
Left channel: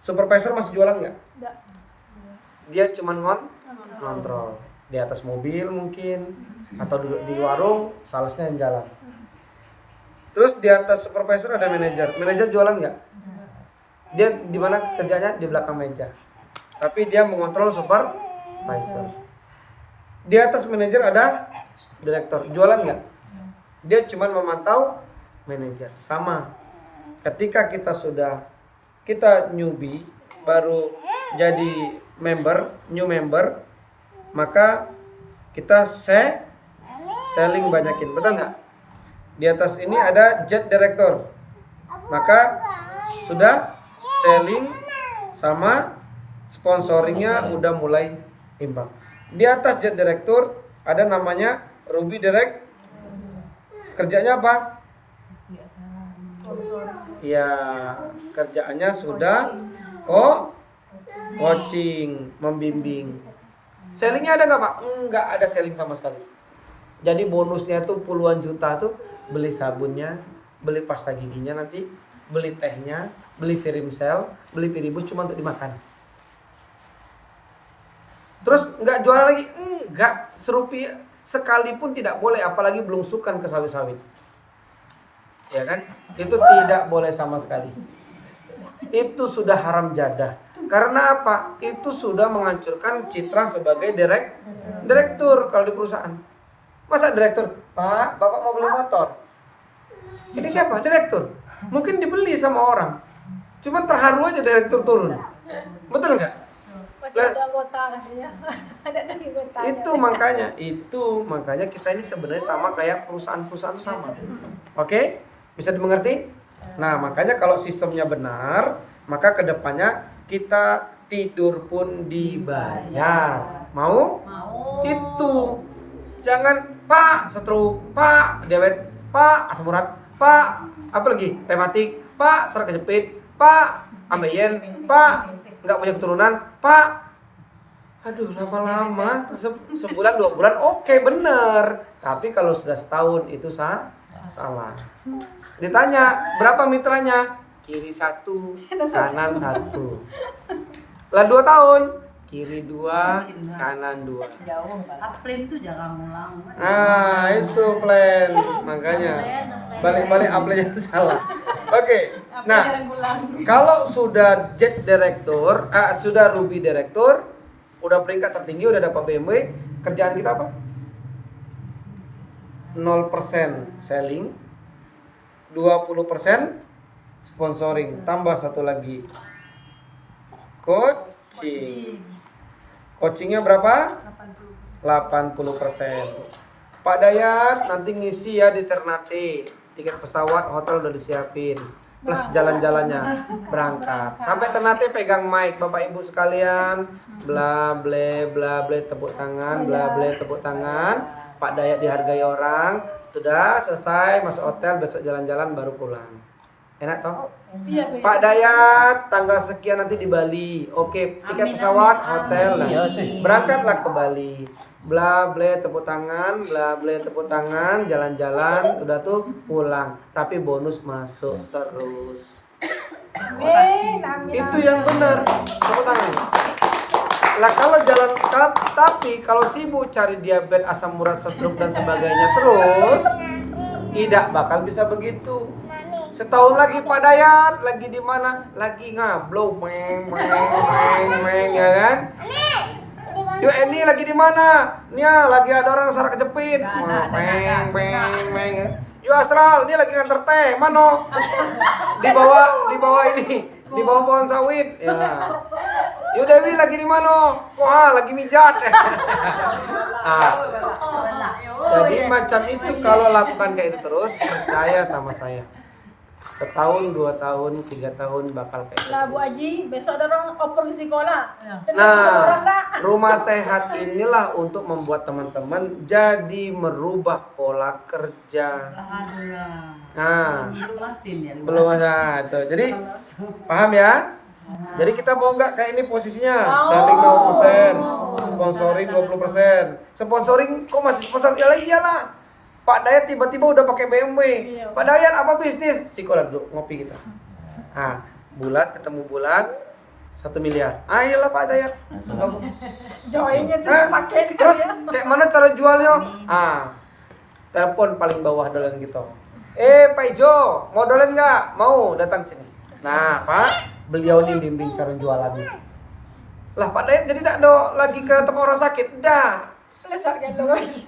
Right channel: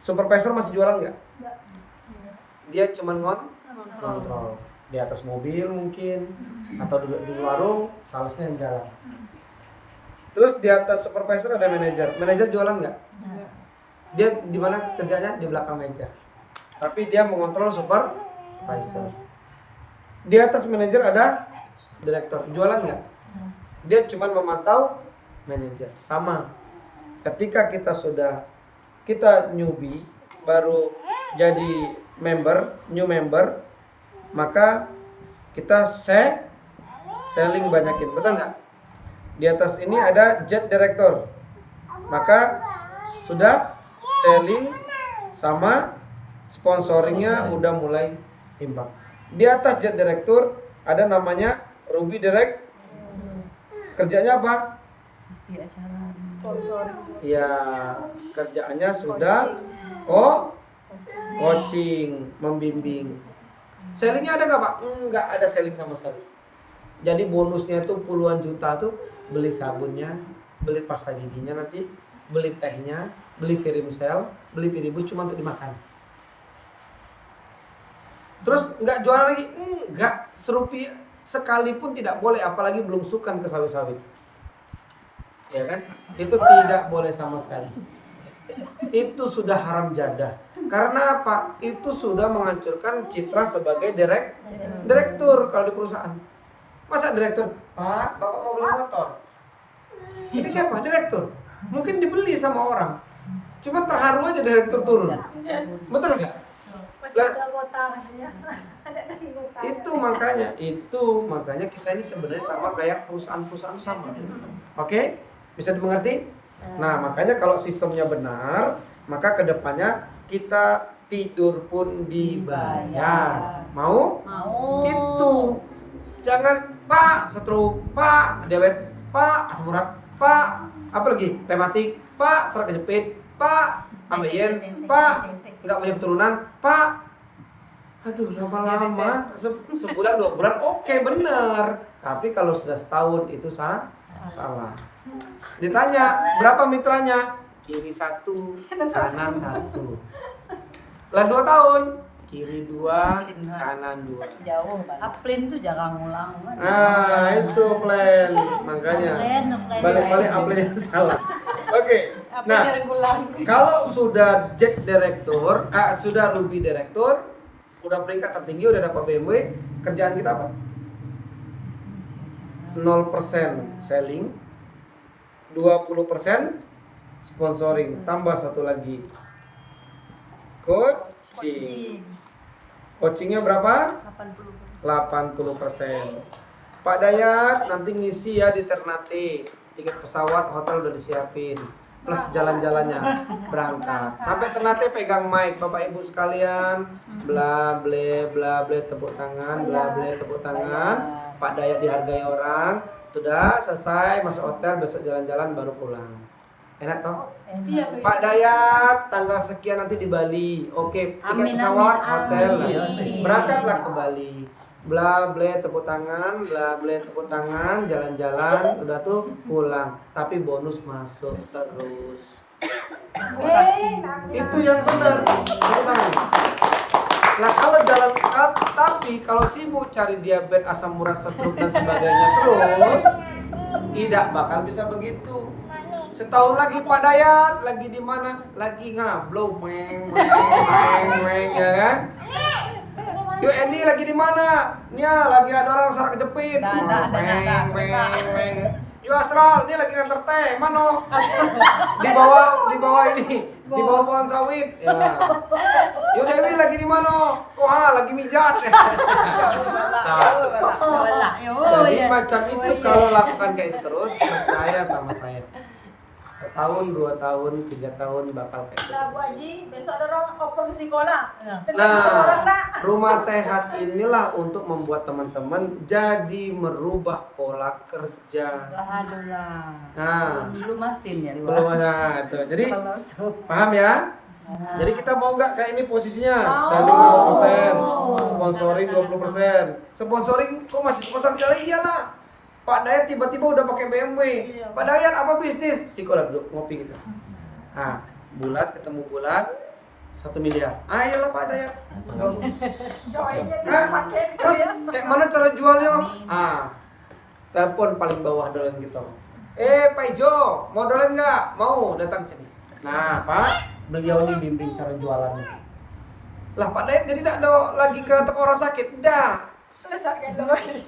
Supervisor masih jualan nggak? Dia cuma ngontrol di atas mobil mungkin, atau duduk di warung, salesnya yang jalan. Terus di atas supervisor ada manajer. Manajer jualan nggak? Dia di mana kerjanya? Di belakang meja. Tapi dia mengontrol supervisor. Di atas manajer ada direktur. Jualan nggak? Dia cuma memantau manajer. Sama. Ketika kita newbie, baru jadi new member, maka kita selling banyakin. Betul nggak? Di atas ini ada jet director. Maka sudah selling sama sponsoringnya udah mulai imbang. Di atas jet director ada namanya Ruby Direct. Kerjanya apa? Ya, kerjaannya sudah coaching, membimbing. Sellingnya ada nggak Pak? Nggak ada selling sama sekali. Jadi bonusnya itu puluhan juta tuh, beli sabunnya, beli pasta giginya nanti, beli tehnya, beli Virimsel, beli Viribus cuma untuk dimakan. Terus nggak jualan lagi? Nggak, serupiah sekalipun tidak boleh, apalagi belum sukan ke sawit-sawit. Ya kan? Itu tidak boleh sama sekali. Itu sudah haram jadah. Karena apa? Itu sudah menghancurkan citra sebagai direktur kalau di perusahaan. Masa direktur? Pak, Bapak mau beli motor. Ini siapa? Direktur. Mungkin dibeli sama orang. Cuma terharu aja direktur turun. Betul nggak? Itu makanya kita ini sebenarnya sama kayak perusahaan-perusahaan sama. Oke? Bisa dimengerti? Nah, makanya kalau sistemnya benar, maka kedepannya kita tidur pun dibayar. Mau? Itu. Jangan Pak stroke, Pak diabetes, Pak asam urat, Pak apa lagi? Rematik, Pak serak kejepit, Pak ambeien, Pak nggak punya keturunan, Pak. Aduh, lama-lama sebulan 2 bulan oke, bener. Tapi kalau sudah setahun itu salah. Ditanya berapa mitranya? Kiri 1, kanan 1. Lah 2 tahun, kiri 2, kanan 2. Jauh. Plan tuh jangan ngulang. Nah, itu plan. Makanya balik-balik upline salah. Oke. Nah, kalau sudah jet director, sudah Ruby director, udah peringkat tertinggi, udah dapat BMW, kerjaan kita apa? 0% selling, 20% sponsoring, tambah satu lagi coaching. Coachingnya berapa? 80%. Pak Dayat nanti ngisi ya di Ternate. Tiket pesawat, hotel udah disiapin, plus jalan-jalannya berangkat. Sampai Ternate pegang mic, Bapak Ibu sekalian, bla bla tepuk tangan, bla bla tepuk tangan. Pak Dayat dihargai orang, sudah selesai masuk hotel, besok jalan-jalan baru pulang. Enak toh? Pak Dayat tanggal sekian nanti di Bali. Oke, tiket pesawat, hotel lah. Berangkatlah ke Bali. Bla bla tepuk tangan, bla bla tepuk tangan, jalan-jalan, udah tuh pulang. Tapi bonus masuk terus. Itu yang benar. Tepuk tangan. Lah kalau jalan tapi kalau sibuk cari diabetes, asam urat, stroke dan sebagainya terus, tidak bakal bisa begitu. Setahun lagi Pak Dayat lagi di mana? Lagi ngablow, meng, ya kan? Yuk Eni lagi di mana? Nia lagi ada orang sarak kejepit. Meng. Yuk Astral, dia lagi nganter teh. Mano? Di bawah ini, di bawah pohon sawit. Ya. Yuk Dewi lagi di mana? Wah, lagi mijat. Nah, jadi macam itu kalau lakukan kayak itu terus, percaya sama saya. Setahun, 2 tahun, 3 tahun bakal kayak gitu. Lah Bu Haji, besok ada orang oper ke sekolah. Nah, rumah sehat inilah untuk membuat teman-teman jadi merubah pola kerja. Nah, belum masin ya. belum ada itu. Jadi paham ya? Jadi kita mau nggak kayak ini posisinya? Selling 0%, sponsoring 20%. Sponsoring kok masih sponsor? Ya iyalah. Pak Dayat tiba-tiba udah pakai BMW. Pak Dayat apa bisnis? Sikolah duduk ngopi kita. Ah, bulat ketemu bulat 1 miliar. Ayolah Pak Dayat. Joinnya pakai. Terus kayak mana cara jualnya? Telepon paling bawah dolen gitu. Pak Ijo, mau dolen nggak? Mau, datang sini. Nah, Pak, beliau nih bimbing cara jualannya. Lah Pak Dayat jadi tidak ada lagi ke tempat orang sakit, dah.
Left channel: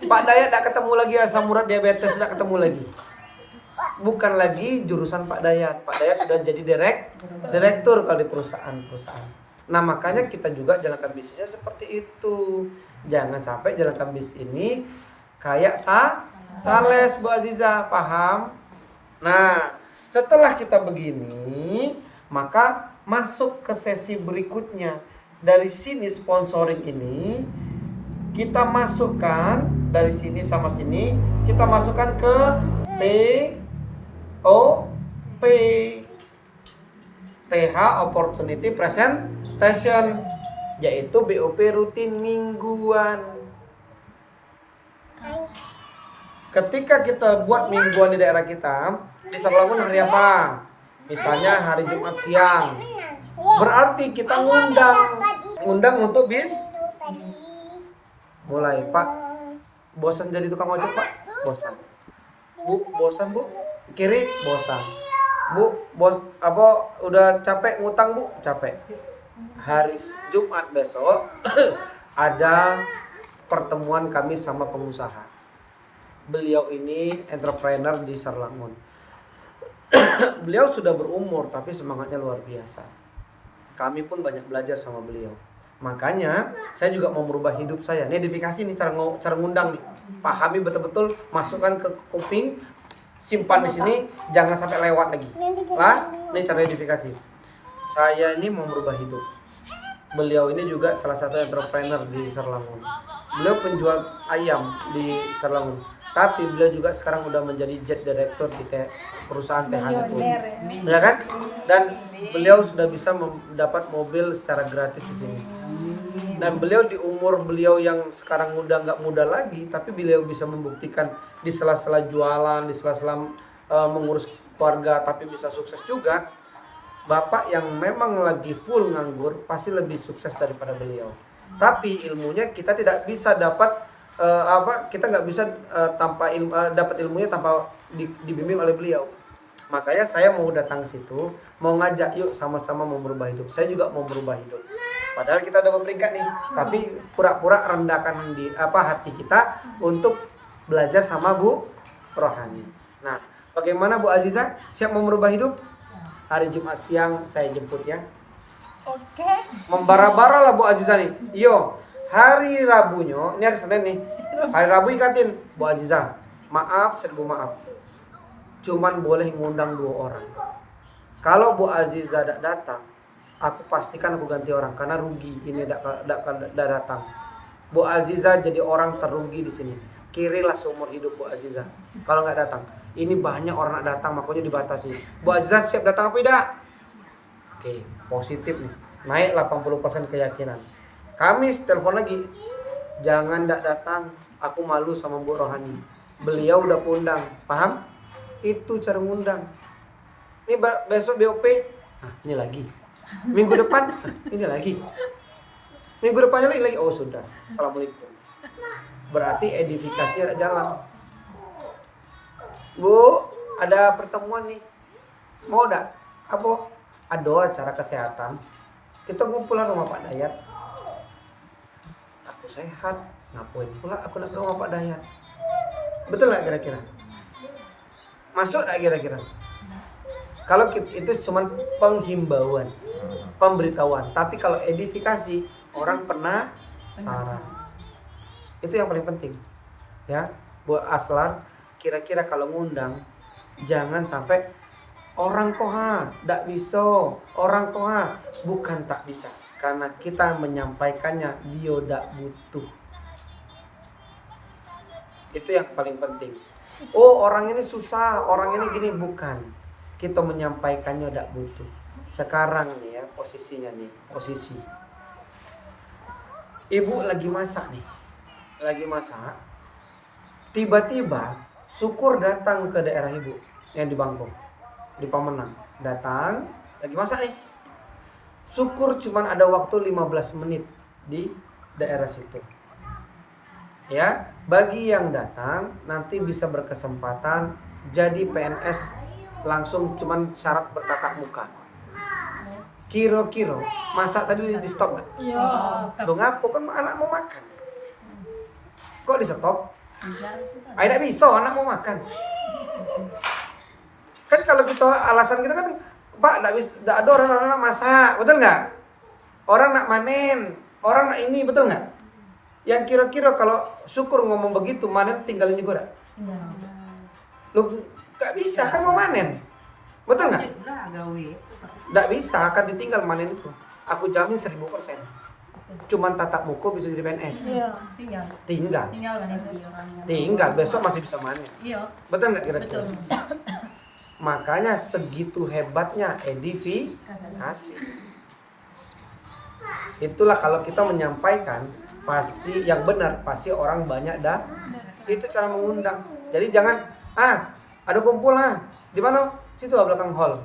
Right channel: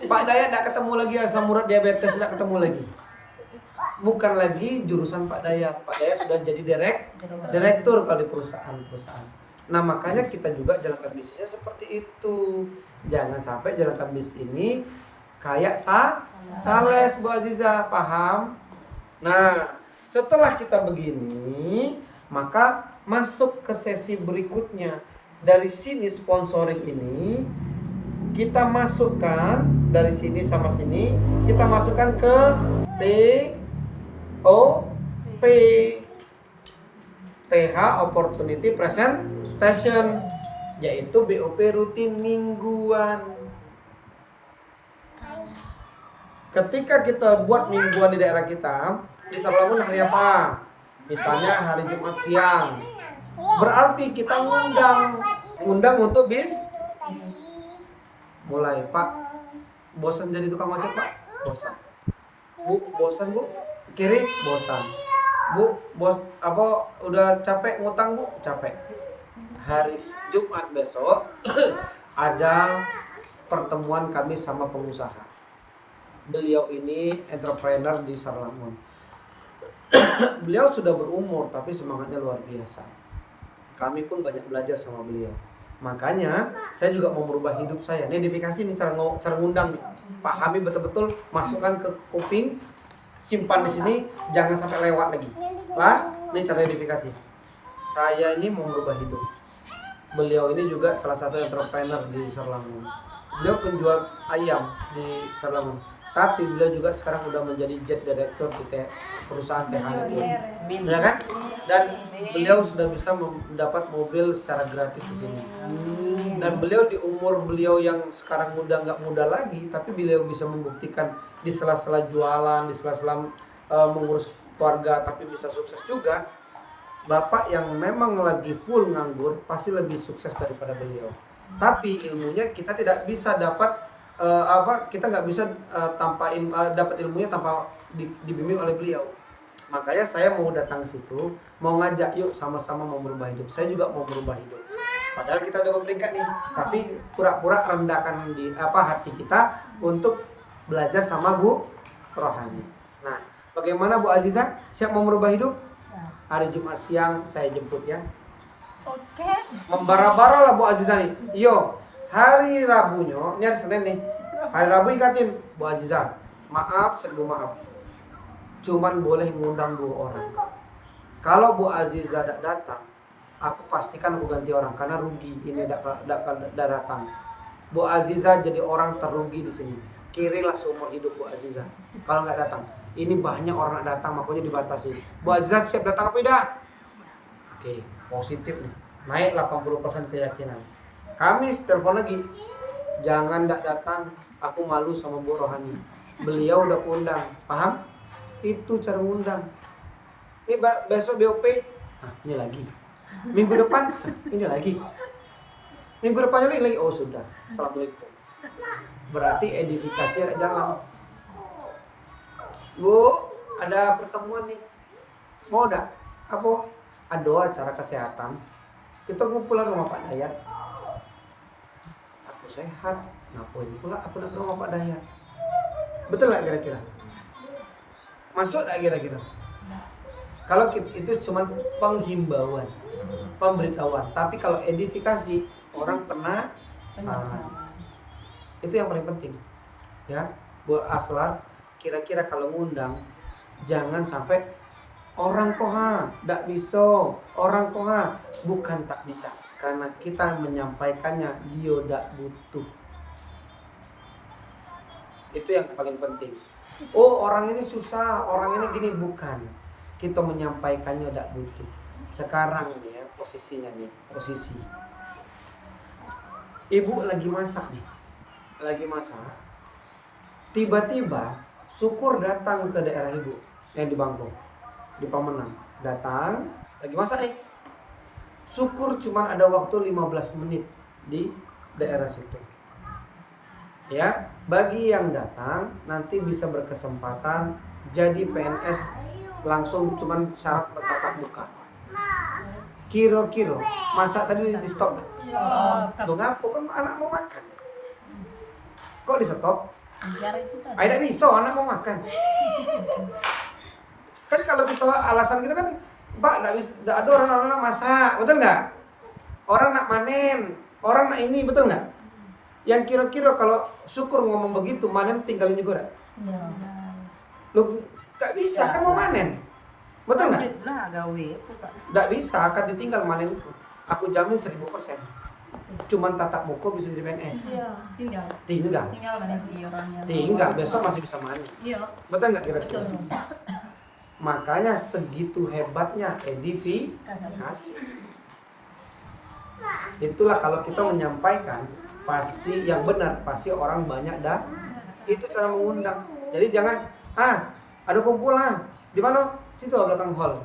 Pak Dayat tidak ketemu lagi asam urat diabetes, tidak ketemu lagi. Bukan lagi jurusan Pak Dayat. Pak Dayat sudah jadi direktur kalau di perusahaan. Nah makanya kita juga jalankan bisnisnya seperti itu. Jangan sampai jalankan bisnis ini kayak sales Bu Aziza, paham? Nah setelah kita begini, maka masuk ke sesi berikutnya. Dari sini sponsoring ini kita masukkan, dari sini sama sini kita masukkan ke TOP, TH Opportunity Presentation, yaitu BOP rutin mingguan. Ketika kita buat mingguan di daerah kita, di Sarlangun hari apa? Misalnya hari Jumat siang. Berarti kita ngundang untuk mulai, Pak. Bosan jadi tukang ojek, Pak? Bosan. Bu, bosan, Bu? Kiri, bosan. Bu, udah capek ngutang, Bu? Capek. Hari Jumat besok ada pertemuan kami sama pengusaha. Beliau ini entrepreneur di Sarlangun. Beliau sudah berumur tapi semangatnya luar biasa. Kami pun banyak belajar sama beliau. Makanya saya juga mau merubah hidup saya. Ini edifikasi nih, cara ngundang nih. Pahami betul-betul, masukkan ke kuping, simpan di sini, jangan sampai lewat lagi. Lah, ini cara edifikasi. Saya ini mau merubah hidup. Beliau ini juga salah satu entrepreneur di Sarlangun. Beliau penjual ayam di Sarlangun. Tapi beliau juga sekarang udah menjadi jet director di perusahaan TH-nya pun. Ya kan? Dan beliau sudah bisa mendapat mobil secara gratis di sini. Dan beliau di umur beliau yang sekarang udah nggak muda lagi, tapi beliau bisa membuktikan di sela-sela jualan, di sela-sela mengurus keluarga, tapi bisa sukses juga. Bapak yang memang lagi full nganggur pasti lebih sukses daripada beliau. Tapi ilmunya kita tidak bisa dapat kita nggak bisa dapat ilmunya tanpa dibimbing oleh beliau. Makanya saya mau datang ke situ, mau ngajak yuk sama-sama mau merubah hidup. Saya juga mau merubah hidup. Padahal kita udah berperingkat nih, tapi pura-pura rendahkan di hati kita untuk belajar sama Bu Rohani. Nah, bagaimana Bu Aziza? Siap mau merubah hidup? Hari Jumat siang saya jemput ya. Oke. Membara-bara lah Bu Aziza nih. Yo, hari Rabunya, ini hari Senin nih. Hari Rabu ikatin Bu Aziza. Maaf, seribu maaf. Cuman boleh ngundang 2 orang. Kalau Bu Aziza tidak datang, aku pastikan aku ganti orang karena rugi ini tidak datang. Bu Aziza jadi orang terugi di sini. Kirilah seumur hidup Bu Aziza. Kalau nggak datang, ini banyak orang nak datang makanya dibatasi. Bu Aziza siap datang apa tidak? Oke, positif nih. Naik 80% keyakinan. Kamis telepon lagi. Jangan tidak datang, aku malu sama Bu Rohani. Beliau udah undang, paham? Itu cara ngundang. Ini besok BOP, ini lagi. Minggu depan, ini lagi. Minggu depannya lagi. Oh sudah, assalamualaikum. Berarti edifikasi ada jalan. Bu, ada pertemuan nih. Mau enggak? Apa? Ada acara kesehatan. Kita ngumpulan rumah Pak Dayat. Aku sehat, ngapain pula aku nak ke rumah Pak Dayat? Betul nggak kira-kira? Masuk nggak kira-kira? Kalau itu cuma penghimbauan, pemberitahuan. Tapi kalau edifikasi, orang penasaran. Itu yang paling penting. Ya, buat Aslar, kira-kira kalau ngundang, jangan sampai orang koha, tak bisa. Orang koha, bukan tak bisa. Karena kita menyampaikannya, dia tak butuh. Itu yang paling penting. Oh orang ini susah, orang ini gini, bukan. Kita menyampaikannya tidak butuh. Sekarang nih ya posisinya nih, posisi. Ibu lagi masak nih, lagi masak. Tiba-tiba Syukur datang ke daerah ibu yang di Bangkong, di Pamenang. Datang, lagi masak nih. Syukur cuman ada waktu 15 menit di daerah situ. Ya, bagi yang datang nanti bisa berkesempatan jadi PNS langsung, cuman syarat bertatap muka. kiro-kiro masak tadi di stop nggak? Iya. Tuh ngapo kan anak mau makan. Kok di stop? Bicara itu kan. Tidak bisa, anak mau makan. Kan kalau kita alasan kita kan, Pak, tidak ada orang nak masak, betul nggak? Orang nak manen, orang nak ini, betul nggak? Yang kira-kira kalau syukur ngomong begitu, manen tinggalin juga nggak? Iya. Lu nggak bisa kan mau manen, betul nggak? Lanjut lah gawe. Nggak bisa akan ditinggal manen itu. Aku jamin 1000%. Cuman tatap muka bisa jadi PNS. Iya. Tinggal. Tinggal, Tinggal kan itu. Iurannya. tinggal besok masih bisa manen. Iya. Betul nggak kira-kira? Betul. Makanya segitu hebatnya edifikasi. Itulah kalau kita menyampaikan pasti yang benar, pasti orang banyak dah. Itu cara mengundang. Jadi jangan ada kumpul di mana? Situ belakang hall.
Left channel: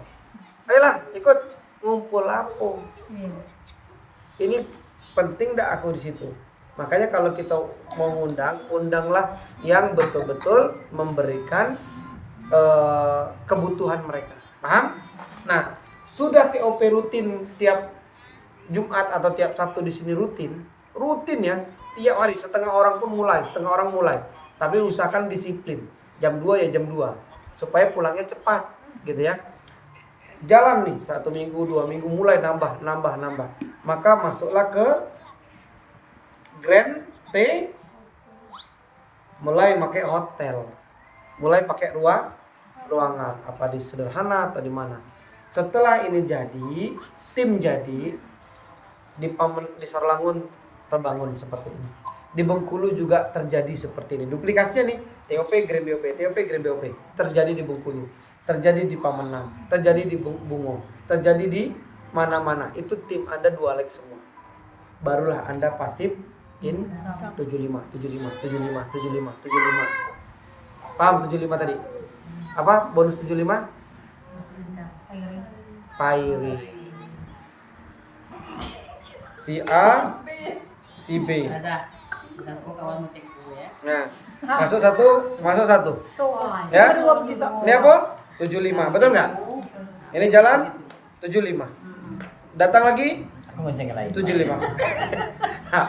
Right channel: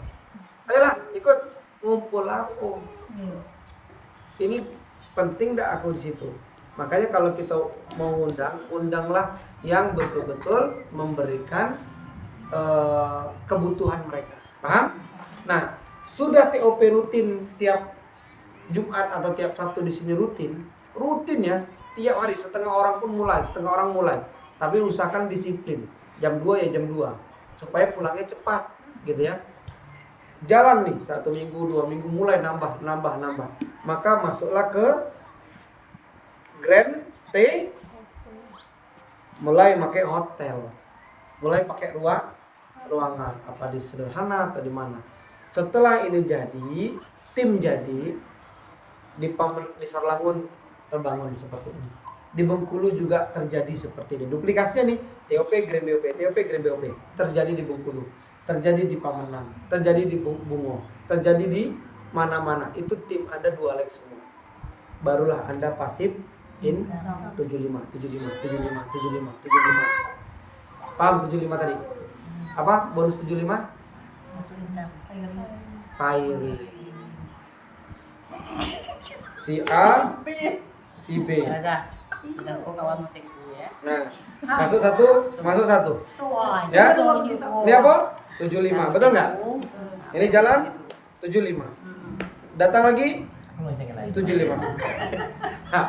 Ayolah ikut ngumpul apa? Iya. Ini penting dah aku di situ. Makanya kalau kita mau undanglah yang betul-betul memberikan kebutuhan mereka. Paham? Nah, sudah TOP rutin tiap Jumat atau tiap Sabtu di sini rutin ya, tiap hari setengah orang mulai. Tapi usahakan disiplin. Jam 2 ya jam 2 supaya pulangnya cepat gitu ya. Jalan nih 1 minggu, 2 minggu mulai nambah. Maka masuklah ke Grand T, mulai pakai hotel. Mulai pakai ruangan apa di sederhana atau di mana. Setelah ini jadi, tim jadi di Sarlangun terbangun seperti ini. Di Bengkulu juga terjadi seperti ini. Duplikasinya nih, TOP Grand BOP terjadi di Bengkulu, terjadi di Pamenang, terjadi di Bungo, terjadi di mana-mana. Itu tim Anda 2 leg semua. Barulah Anda pasif in 75. Paham 75 tadi? Apa bonus 75? Pairing. Si A, si B. Baca. Sudah kok kawan mau teku ya. Nah, masuk satu. Ya? Ini apa? 75, betul nggak? Ini jalan 75. Datang lagi 75. Nah,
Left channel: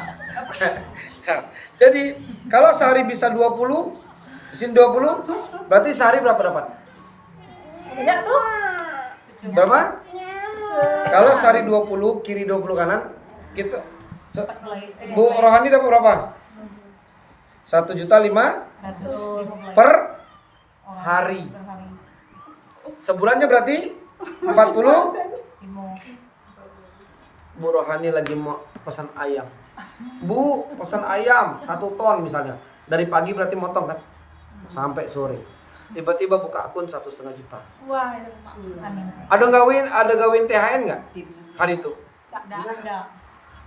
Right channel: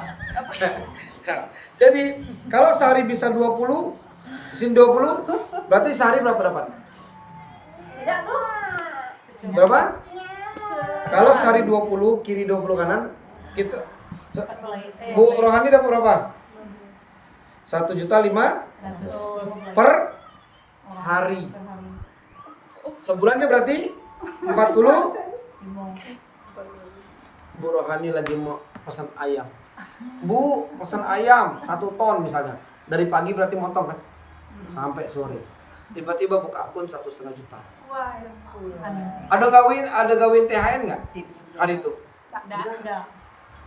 jadi kalau sehari bisa 20, sini 20, berarti sehari berapa dapat? Tidak tuh. Berapa? Kalau sehari 20, kiri 20 kanan, kita Bu Rohani dapat berapa? 1.500.000 per hari. Sebulannya berarti 40. Bu Rohani lagi mau pesan ayam. Bu, pesan ayam 1 ton misalnya. Dari pagi berarti motong kan? Sampai sore. Tiba-tiba buka akun 1,5 juta. Wah. Ada gawin THR nggak hari itu? Enggak.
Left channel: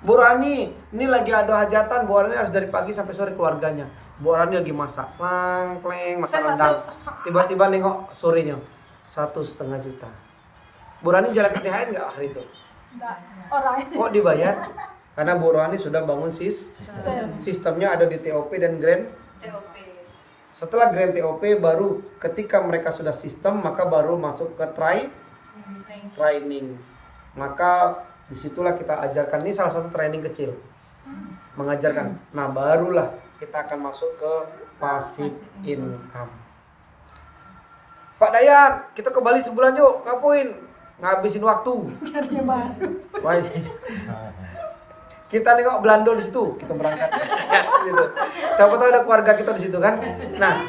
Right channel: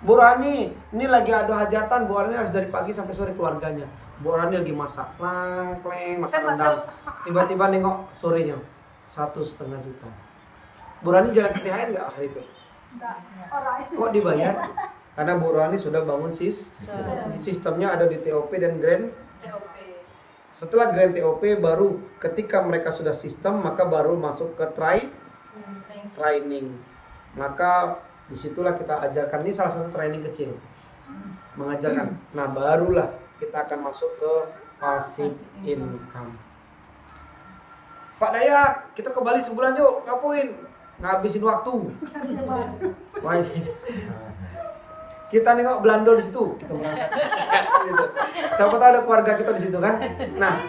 Bu Rani, ini lagi ada hajatan. Bu Rani harus dari pagi sampai sore keluarganya. Bu Rani lagi masak, pleng, masak rendang. Tiba-tiba nengok sorenya 1,5 juta. Bu Rani jalan ke THR nggak hari itu? Orang itu. Kok dibayar? Karena Bu Rani sudah bangun sistemnya ada di TOP dan Grand. Setelah Grand TOP baru ketika mereka sudah sistem maka baru masuk ke training. Maka disitulah kita ajarkan, ini salah satu training kecil mengajarkan. Nah barulah kita akan masuk ke passive income. Pak Dayat, kita ke Bali sebulan yuk, ngapain? Ngabisin waktu. Wah, kita nengok Belanda di situ, kita berangkat. Gitu. Siapa tahu ada keluarga kita di situ kan. Nah,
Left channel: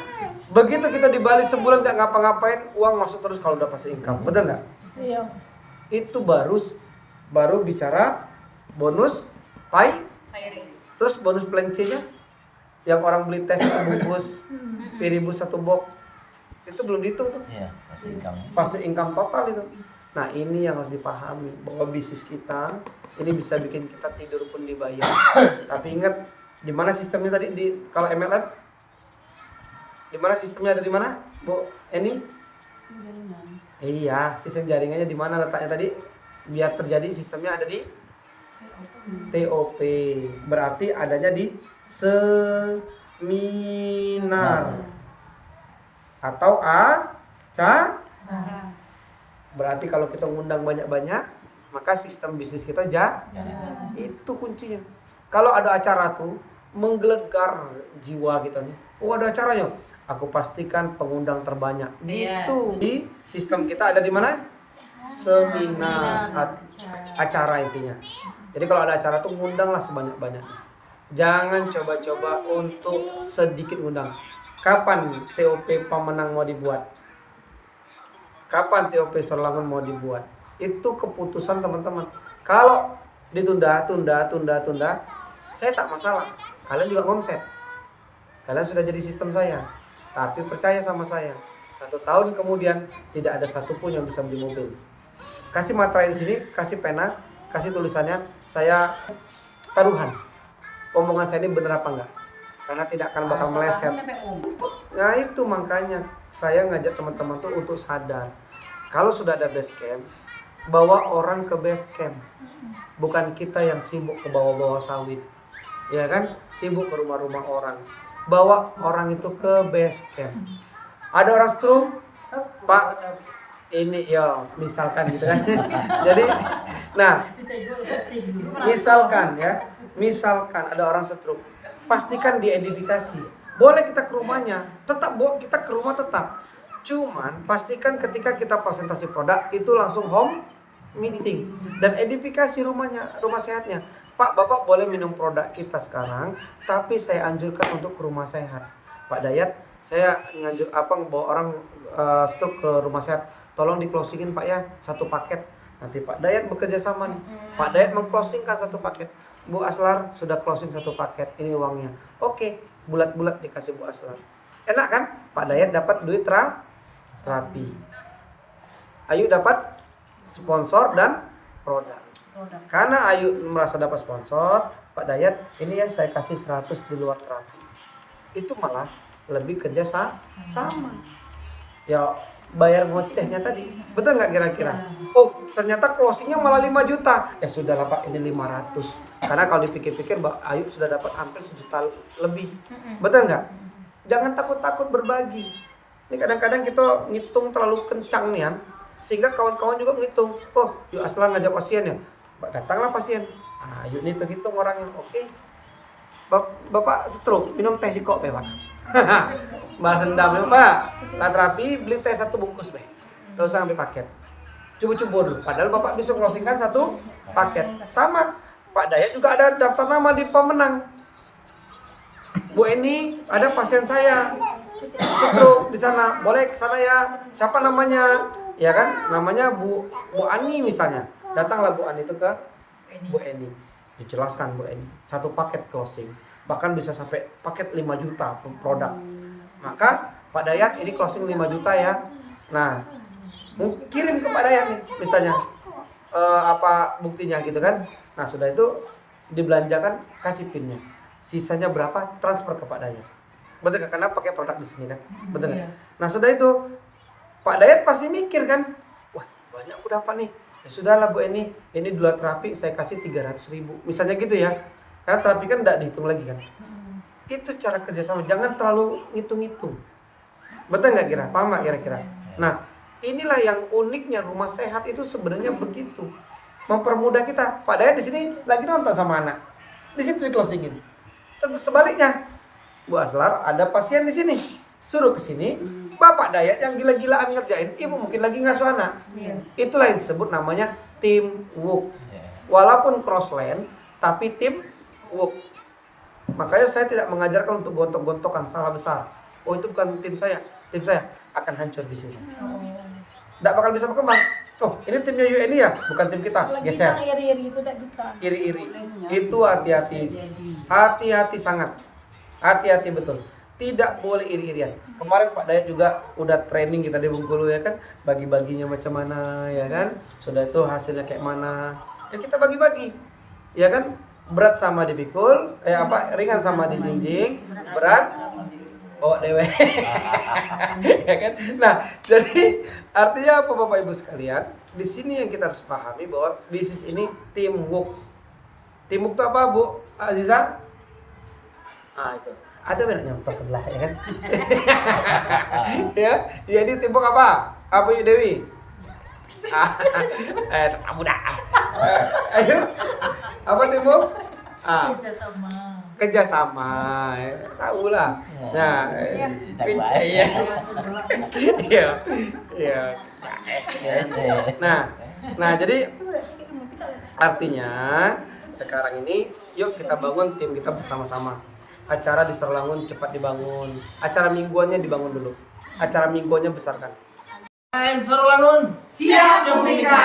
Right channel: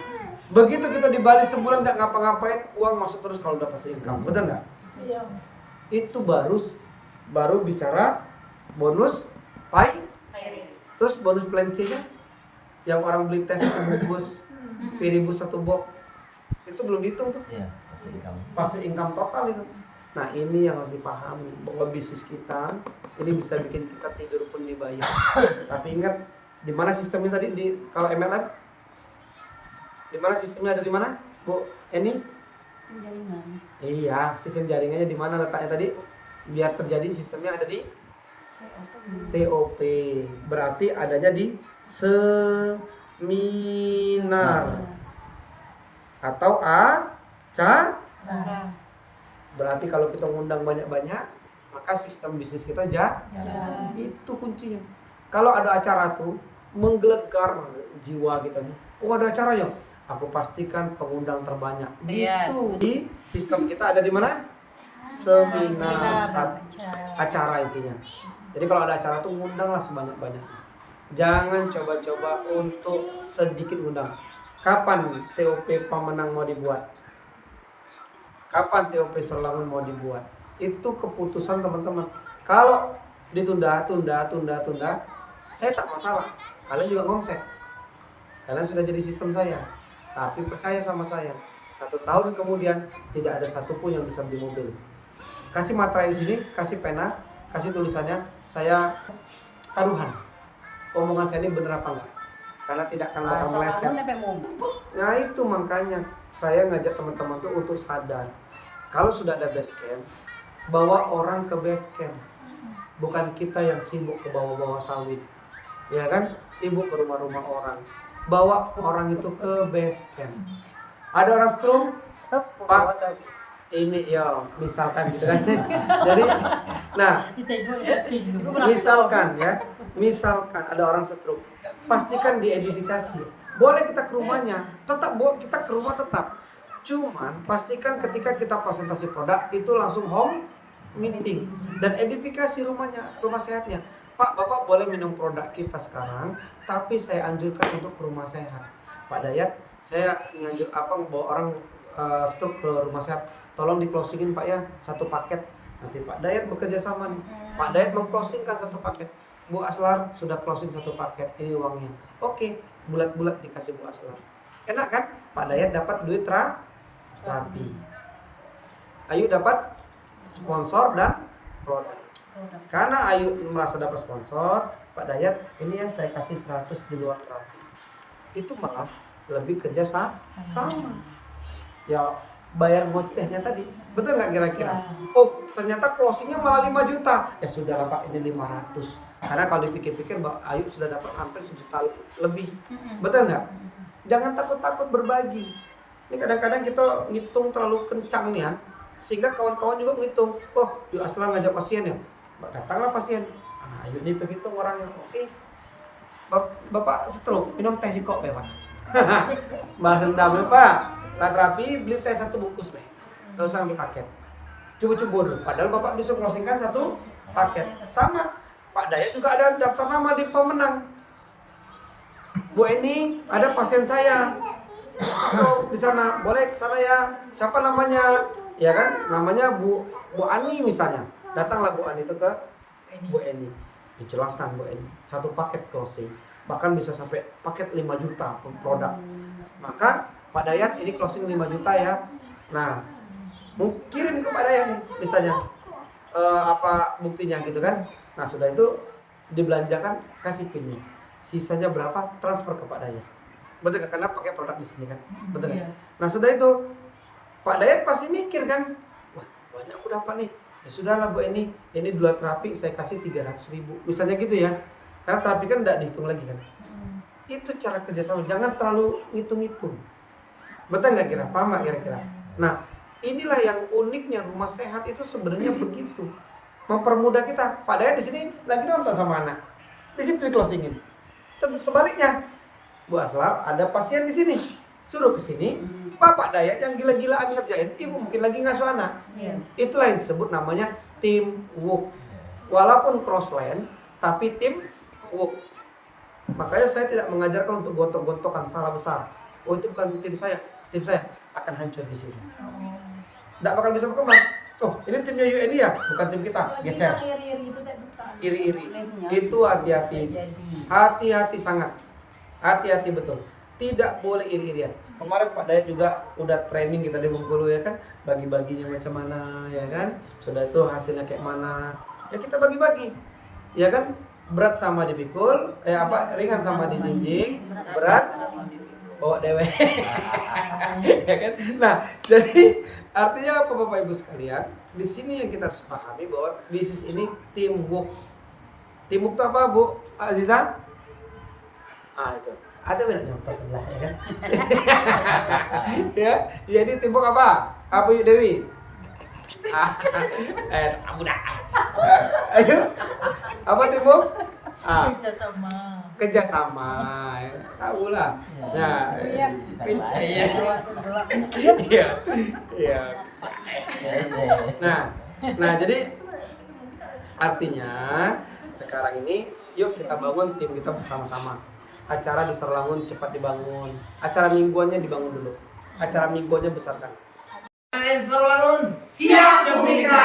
begitu kita di Bali sebulan nggak ngapa-ngapain, uang masuk terus kalau udah passive income, betul nggak? Iya. Itu baru bicara bonus terus bonus plank-nya yang orang beli tes 1 bungkus, piribus 1 box, itu belum dihitung tuh. Iya, Passive income total itu. Nah ini yang harus dipahami bahwa bisnis kita ini bisa bikin kita tidur pun dibayar. Tapi ingat di mana sistemnya tadi kalau MLM? Di mana sistemnya, ada di mana, Bu Eni? Iya, sistem jaringannya di mana letaknya tadi? Biar terjadi sistemnya ada di TOP. Berarti adanya di seminar atau acara. Berarti kalau kita ngundang banyak-banyak, maka sistem bisnis kita itu kuncinya. Kalau ada acara tuh menggelegar jiwa kita nih. Oh, ada acaranya. Aku pastikan pengundang terbanyak. Iya. Itu di sistem kita ada di mana? Seminar, acara intinya. Jadi kalau ada acara tuh ngundanglah sebanyak-banyaknya. Jangan coba-coba untuk sedikit ngundang. Kapan TOP pemenang mau dibuat? Kapan TOP Sorlangun mau dibuat? Itu keputusan teman-teman. Kalau ditunda, saya tak masalah. Kalian juga ngomset. Kalian sudah jadi sistem saya. Tapi percaya sama saya, 1 tahun kemudian tidak ada satupun yang bisa beli mobil. Kasih materai di sini, kasih pena, kasih tulisannya. Saya taruhan. Omongan saya ini benar apa enggak? Karena tidak akan bakal meleset. Nah itu makanya saya ngajak teman-teman tuh untuk sadar. Kalau sudah ada base camp, bawa orang ke base camp. Bukan kita yang sibuk ke bawah-bawah sawit. Ya kan? Sibuk ke rumah-rumah orang. Bawa orang itu ke base camp. Ada orang stroke, Pak, ini ya misalkan gitu kan. Jadi, nah, misalkan ada orang stroke, pastikan diedifikasi. Boleh kita ke rumahnya, kita ke rumah tetap. Cuman pastikan ketika kita presentasi produk itu langsung home meeting dan edifikasi rumahnya, rumah sehatnya. Pak, Bapak boleh minum produk kita sekarang, tapi saya anjurkan untuk ke rumah sehat. Pak Dayat, saya nganjur bawa orang stroke ke rumah sehat. Tolong di closingin Pak ya, 1 paket. Nanti Pak Dayat bekerja sama nih. Pak Dayat mengclosingkan 1 paket. Bu Aslar sudah closing 1 paket. Ini uangnya. Oke, bulat-bulat dikasih Bu Aslar. Enak kan? Pak Dayat dapat duit terapi. Ayu dapat sponsor dan produk. Karena Ayu merasa dapat sponsor, Pak Dayat ini yang saya kasih 100 di luar terapi. Itu malah lebih kerja sama. Ya bayar ngocehnya tadi. Betul nggak kira-kira? Oh ternyata closingnya malah 5 juta. Ya sudah lah Pak, ini 500. Karena kalau dipikir-pikir Mbak Ayu sudah dapat hampir 1 juta lebih. Betul nggak? Jangan takut-takut berbagi. Ini kadang-kadang kita ngitung terlalu kencang nih kan. Sehingga kawan-kawan juga ngitung. Oh yuk Aslan ngajak pasien ya. Datanglah pasien. Yuk hitung orangnya. Oke. Bapak stroke, minum teh siko Pak. Bahas dendam ya Pak. Setelah terapi beli teh 1 bungkus Pak. Gak usah ambil paket. Coba-coba dulu. Padahal Bapak bisa closingkan 1 paket. Sama. Pak Dayat juga ada daftar nama di pemenang. Bu Eni, ada pasien saya stroke di sana. Boleh ke sana ya. Siapa namanya? Ya kan? Namanya Bu Ani misalnya. Datanglah Bu Ani itu ke Bu Eni. Dijelaskan Bu Eni. 1 paket closing. Bahkan bisa sampai paket 5 juta produk. Maka Pak Dayat ini closing 5 juta ya. Nah, kirim ke Pak Dayat nih misalnya. Buktinya gitu kan. Nah, sudah itu dibelanjakan, kasih pinnya. Sisanya berapa? Transfer ke Pak Dayat. Betul gak? Karena pakai produk di sini kan. Betul gak? Nah, sudah itu Pak Dayat pasti mikir kan. Wah, banyak aku dapat nih. Ya sudahlah Bu ini dua terapi saya kasih 300.000 misalnya gitu ya, karena terapi kan tidak dihitung lagi kan. Itu cara kerjasama, jangan terlalu ngitung-ngitung. Betul nggak kira? Paham nggak kira-kira? Nah inilah yang uniknya rumah sehat itu sebenarnya begitu, mempermudah kita. Pak Dayat di sini lagi nonton sama anak, di situ di closingin. Terus sebaliknya Bu Aslar ada pasien di sini, suruh ke sini. Bapak Dayat yang gila-gilaan ngerjain, ibu mungkin lagi ngasuh anak. Itulah yang disebut namanya teamwork. Walaupun cross lane, tapi teamwork. Makanya saya tidak mengajarkan untuk gontok-gontokan, salah besar. Oh itu bukan tim saya akan hancur di sini. Tidak bakal bisa berkembang. Oh ini timnya UNI ya, bukan tim kita. Geser. Iri-iri itu tidak bisa. Iri-iri. Itu hati-hati. Hati-hati sangat. Hati-hati betul. Tidak boleh iri-irian. Kemarin Pak Dayat juga udah training kita di Bengkulu ya kan, bagi-baginya macam mana ya kan, sudah itu hasilnya kayak mana ya kita bagi-bagi ya kan, berat sama dipikul, ringan sama dijinjing, berat bawa dewe. Ya kan. Nah jadi artinya apa Bapak Ibu sekalian, di sini yang kita harus pahami bahwa bisnis ini teamwork. Teamwork itu apa Bu Aziza? Itu ada benar nyontoh sebelah ya kan. Ya, jadi timbuk apa? Apa Yuk Dewi? Mudah. Ayo. Apa Timuk? Ah, Kerjasama. kerjasama. Tahu lah. Nah, Iya. iya. Iya. Iya. Nah, jadi artinya sekarang ini yuk kita bangun tim kita bersama-sama. Acara di Serlangun cepat dibangun. Acara mingguannya dibangun dulu. Acara mingguannya besarkan. Serlangun siap Jumika.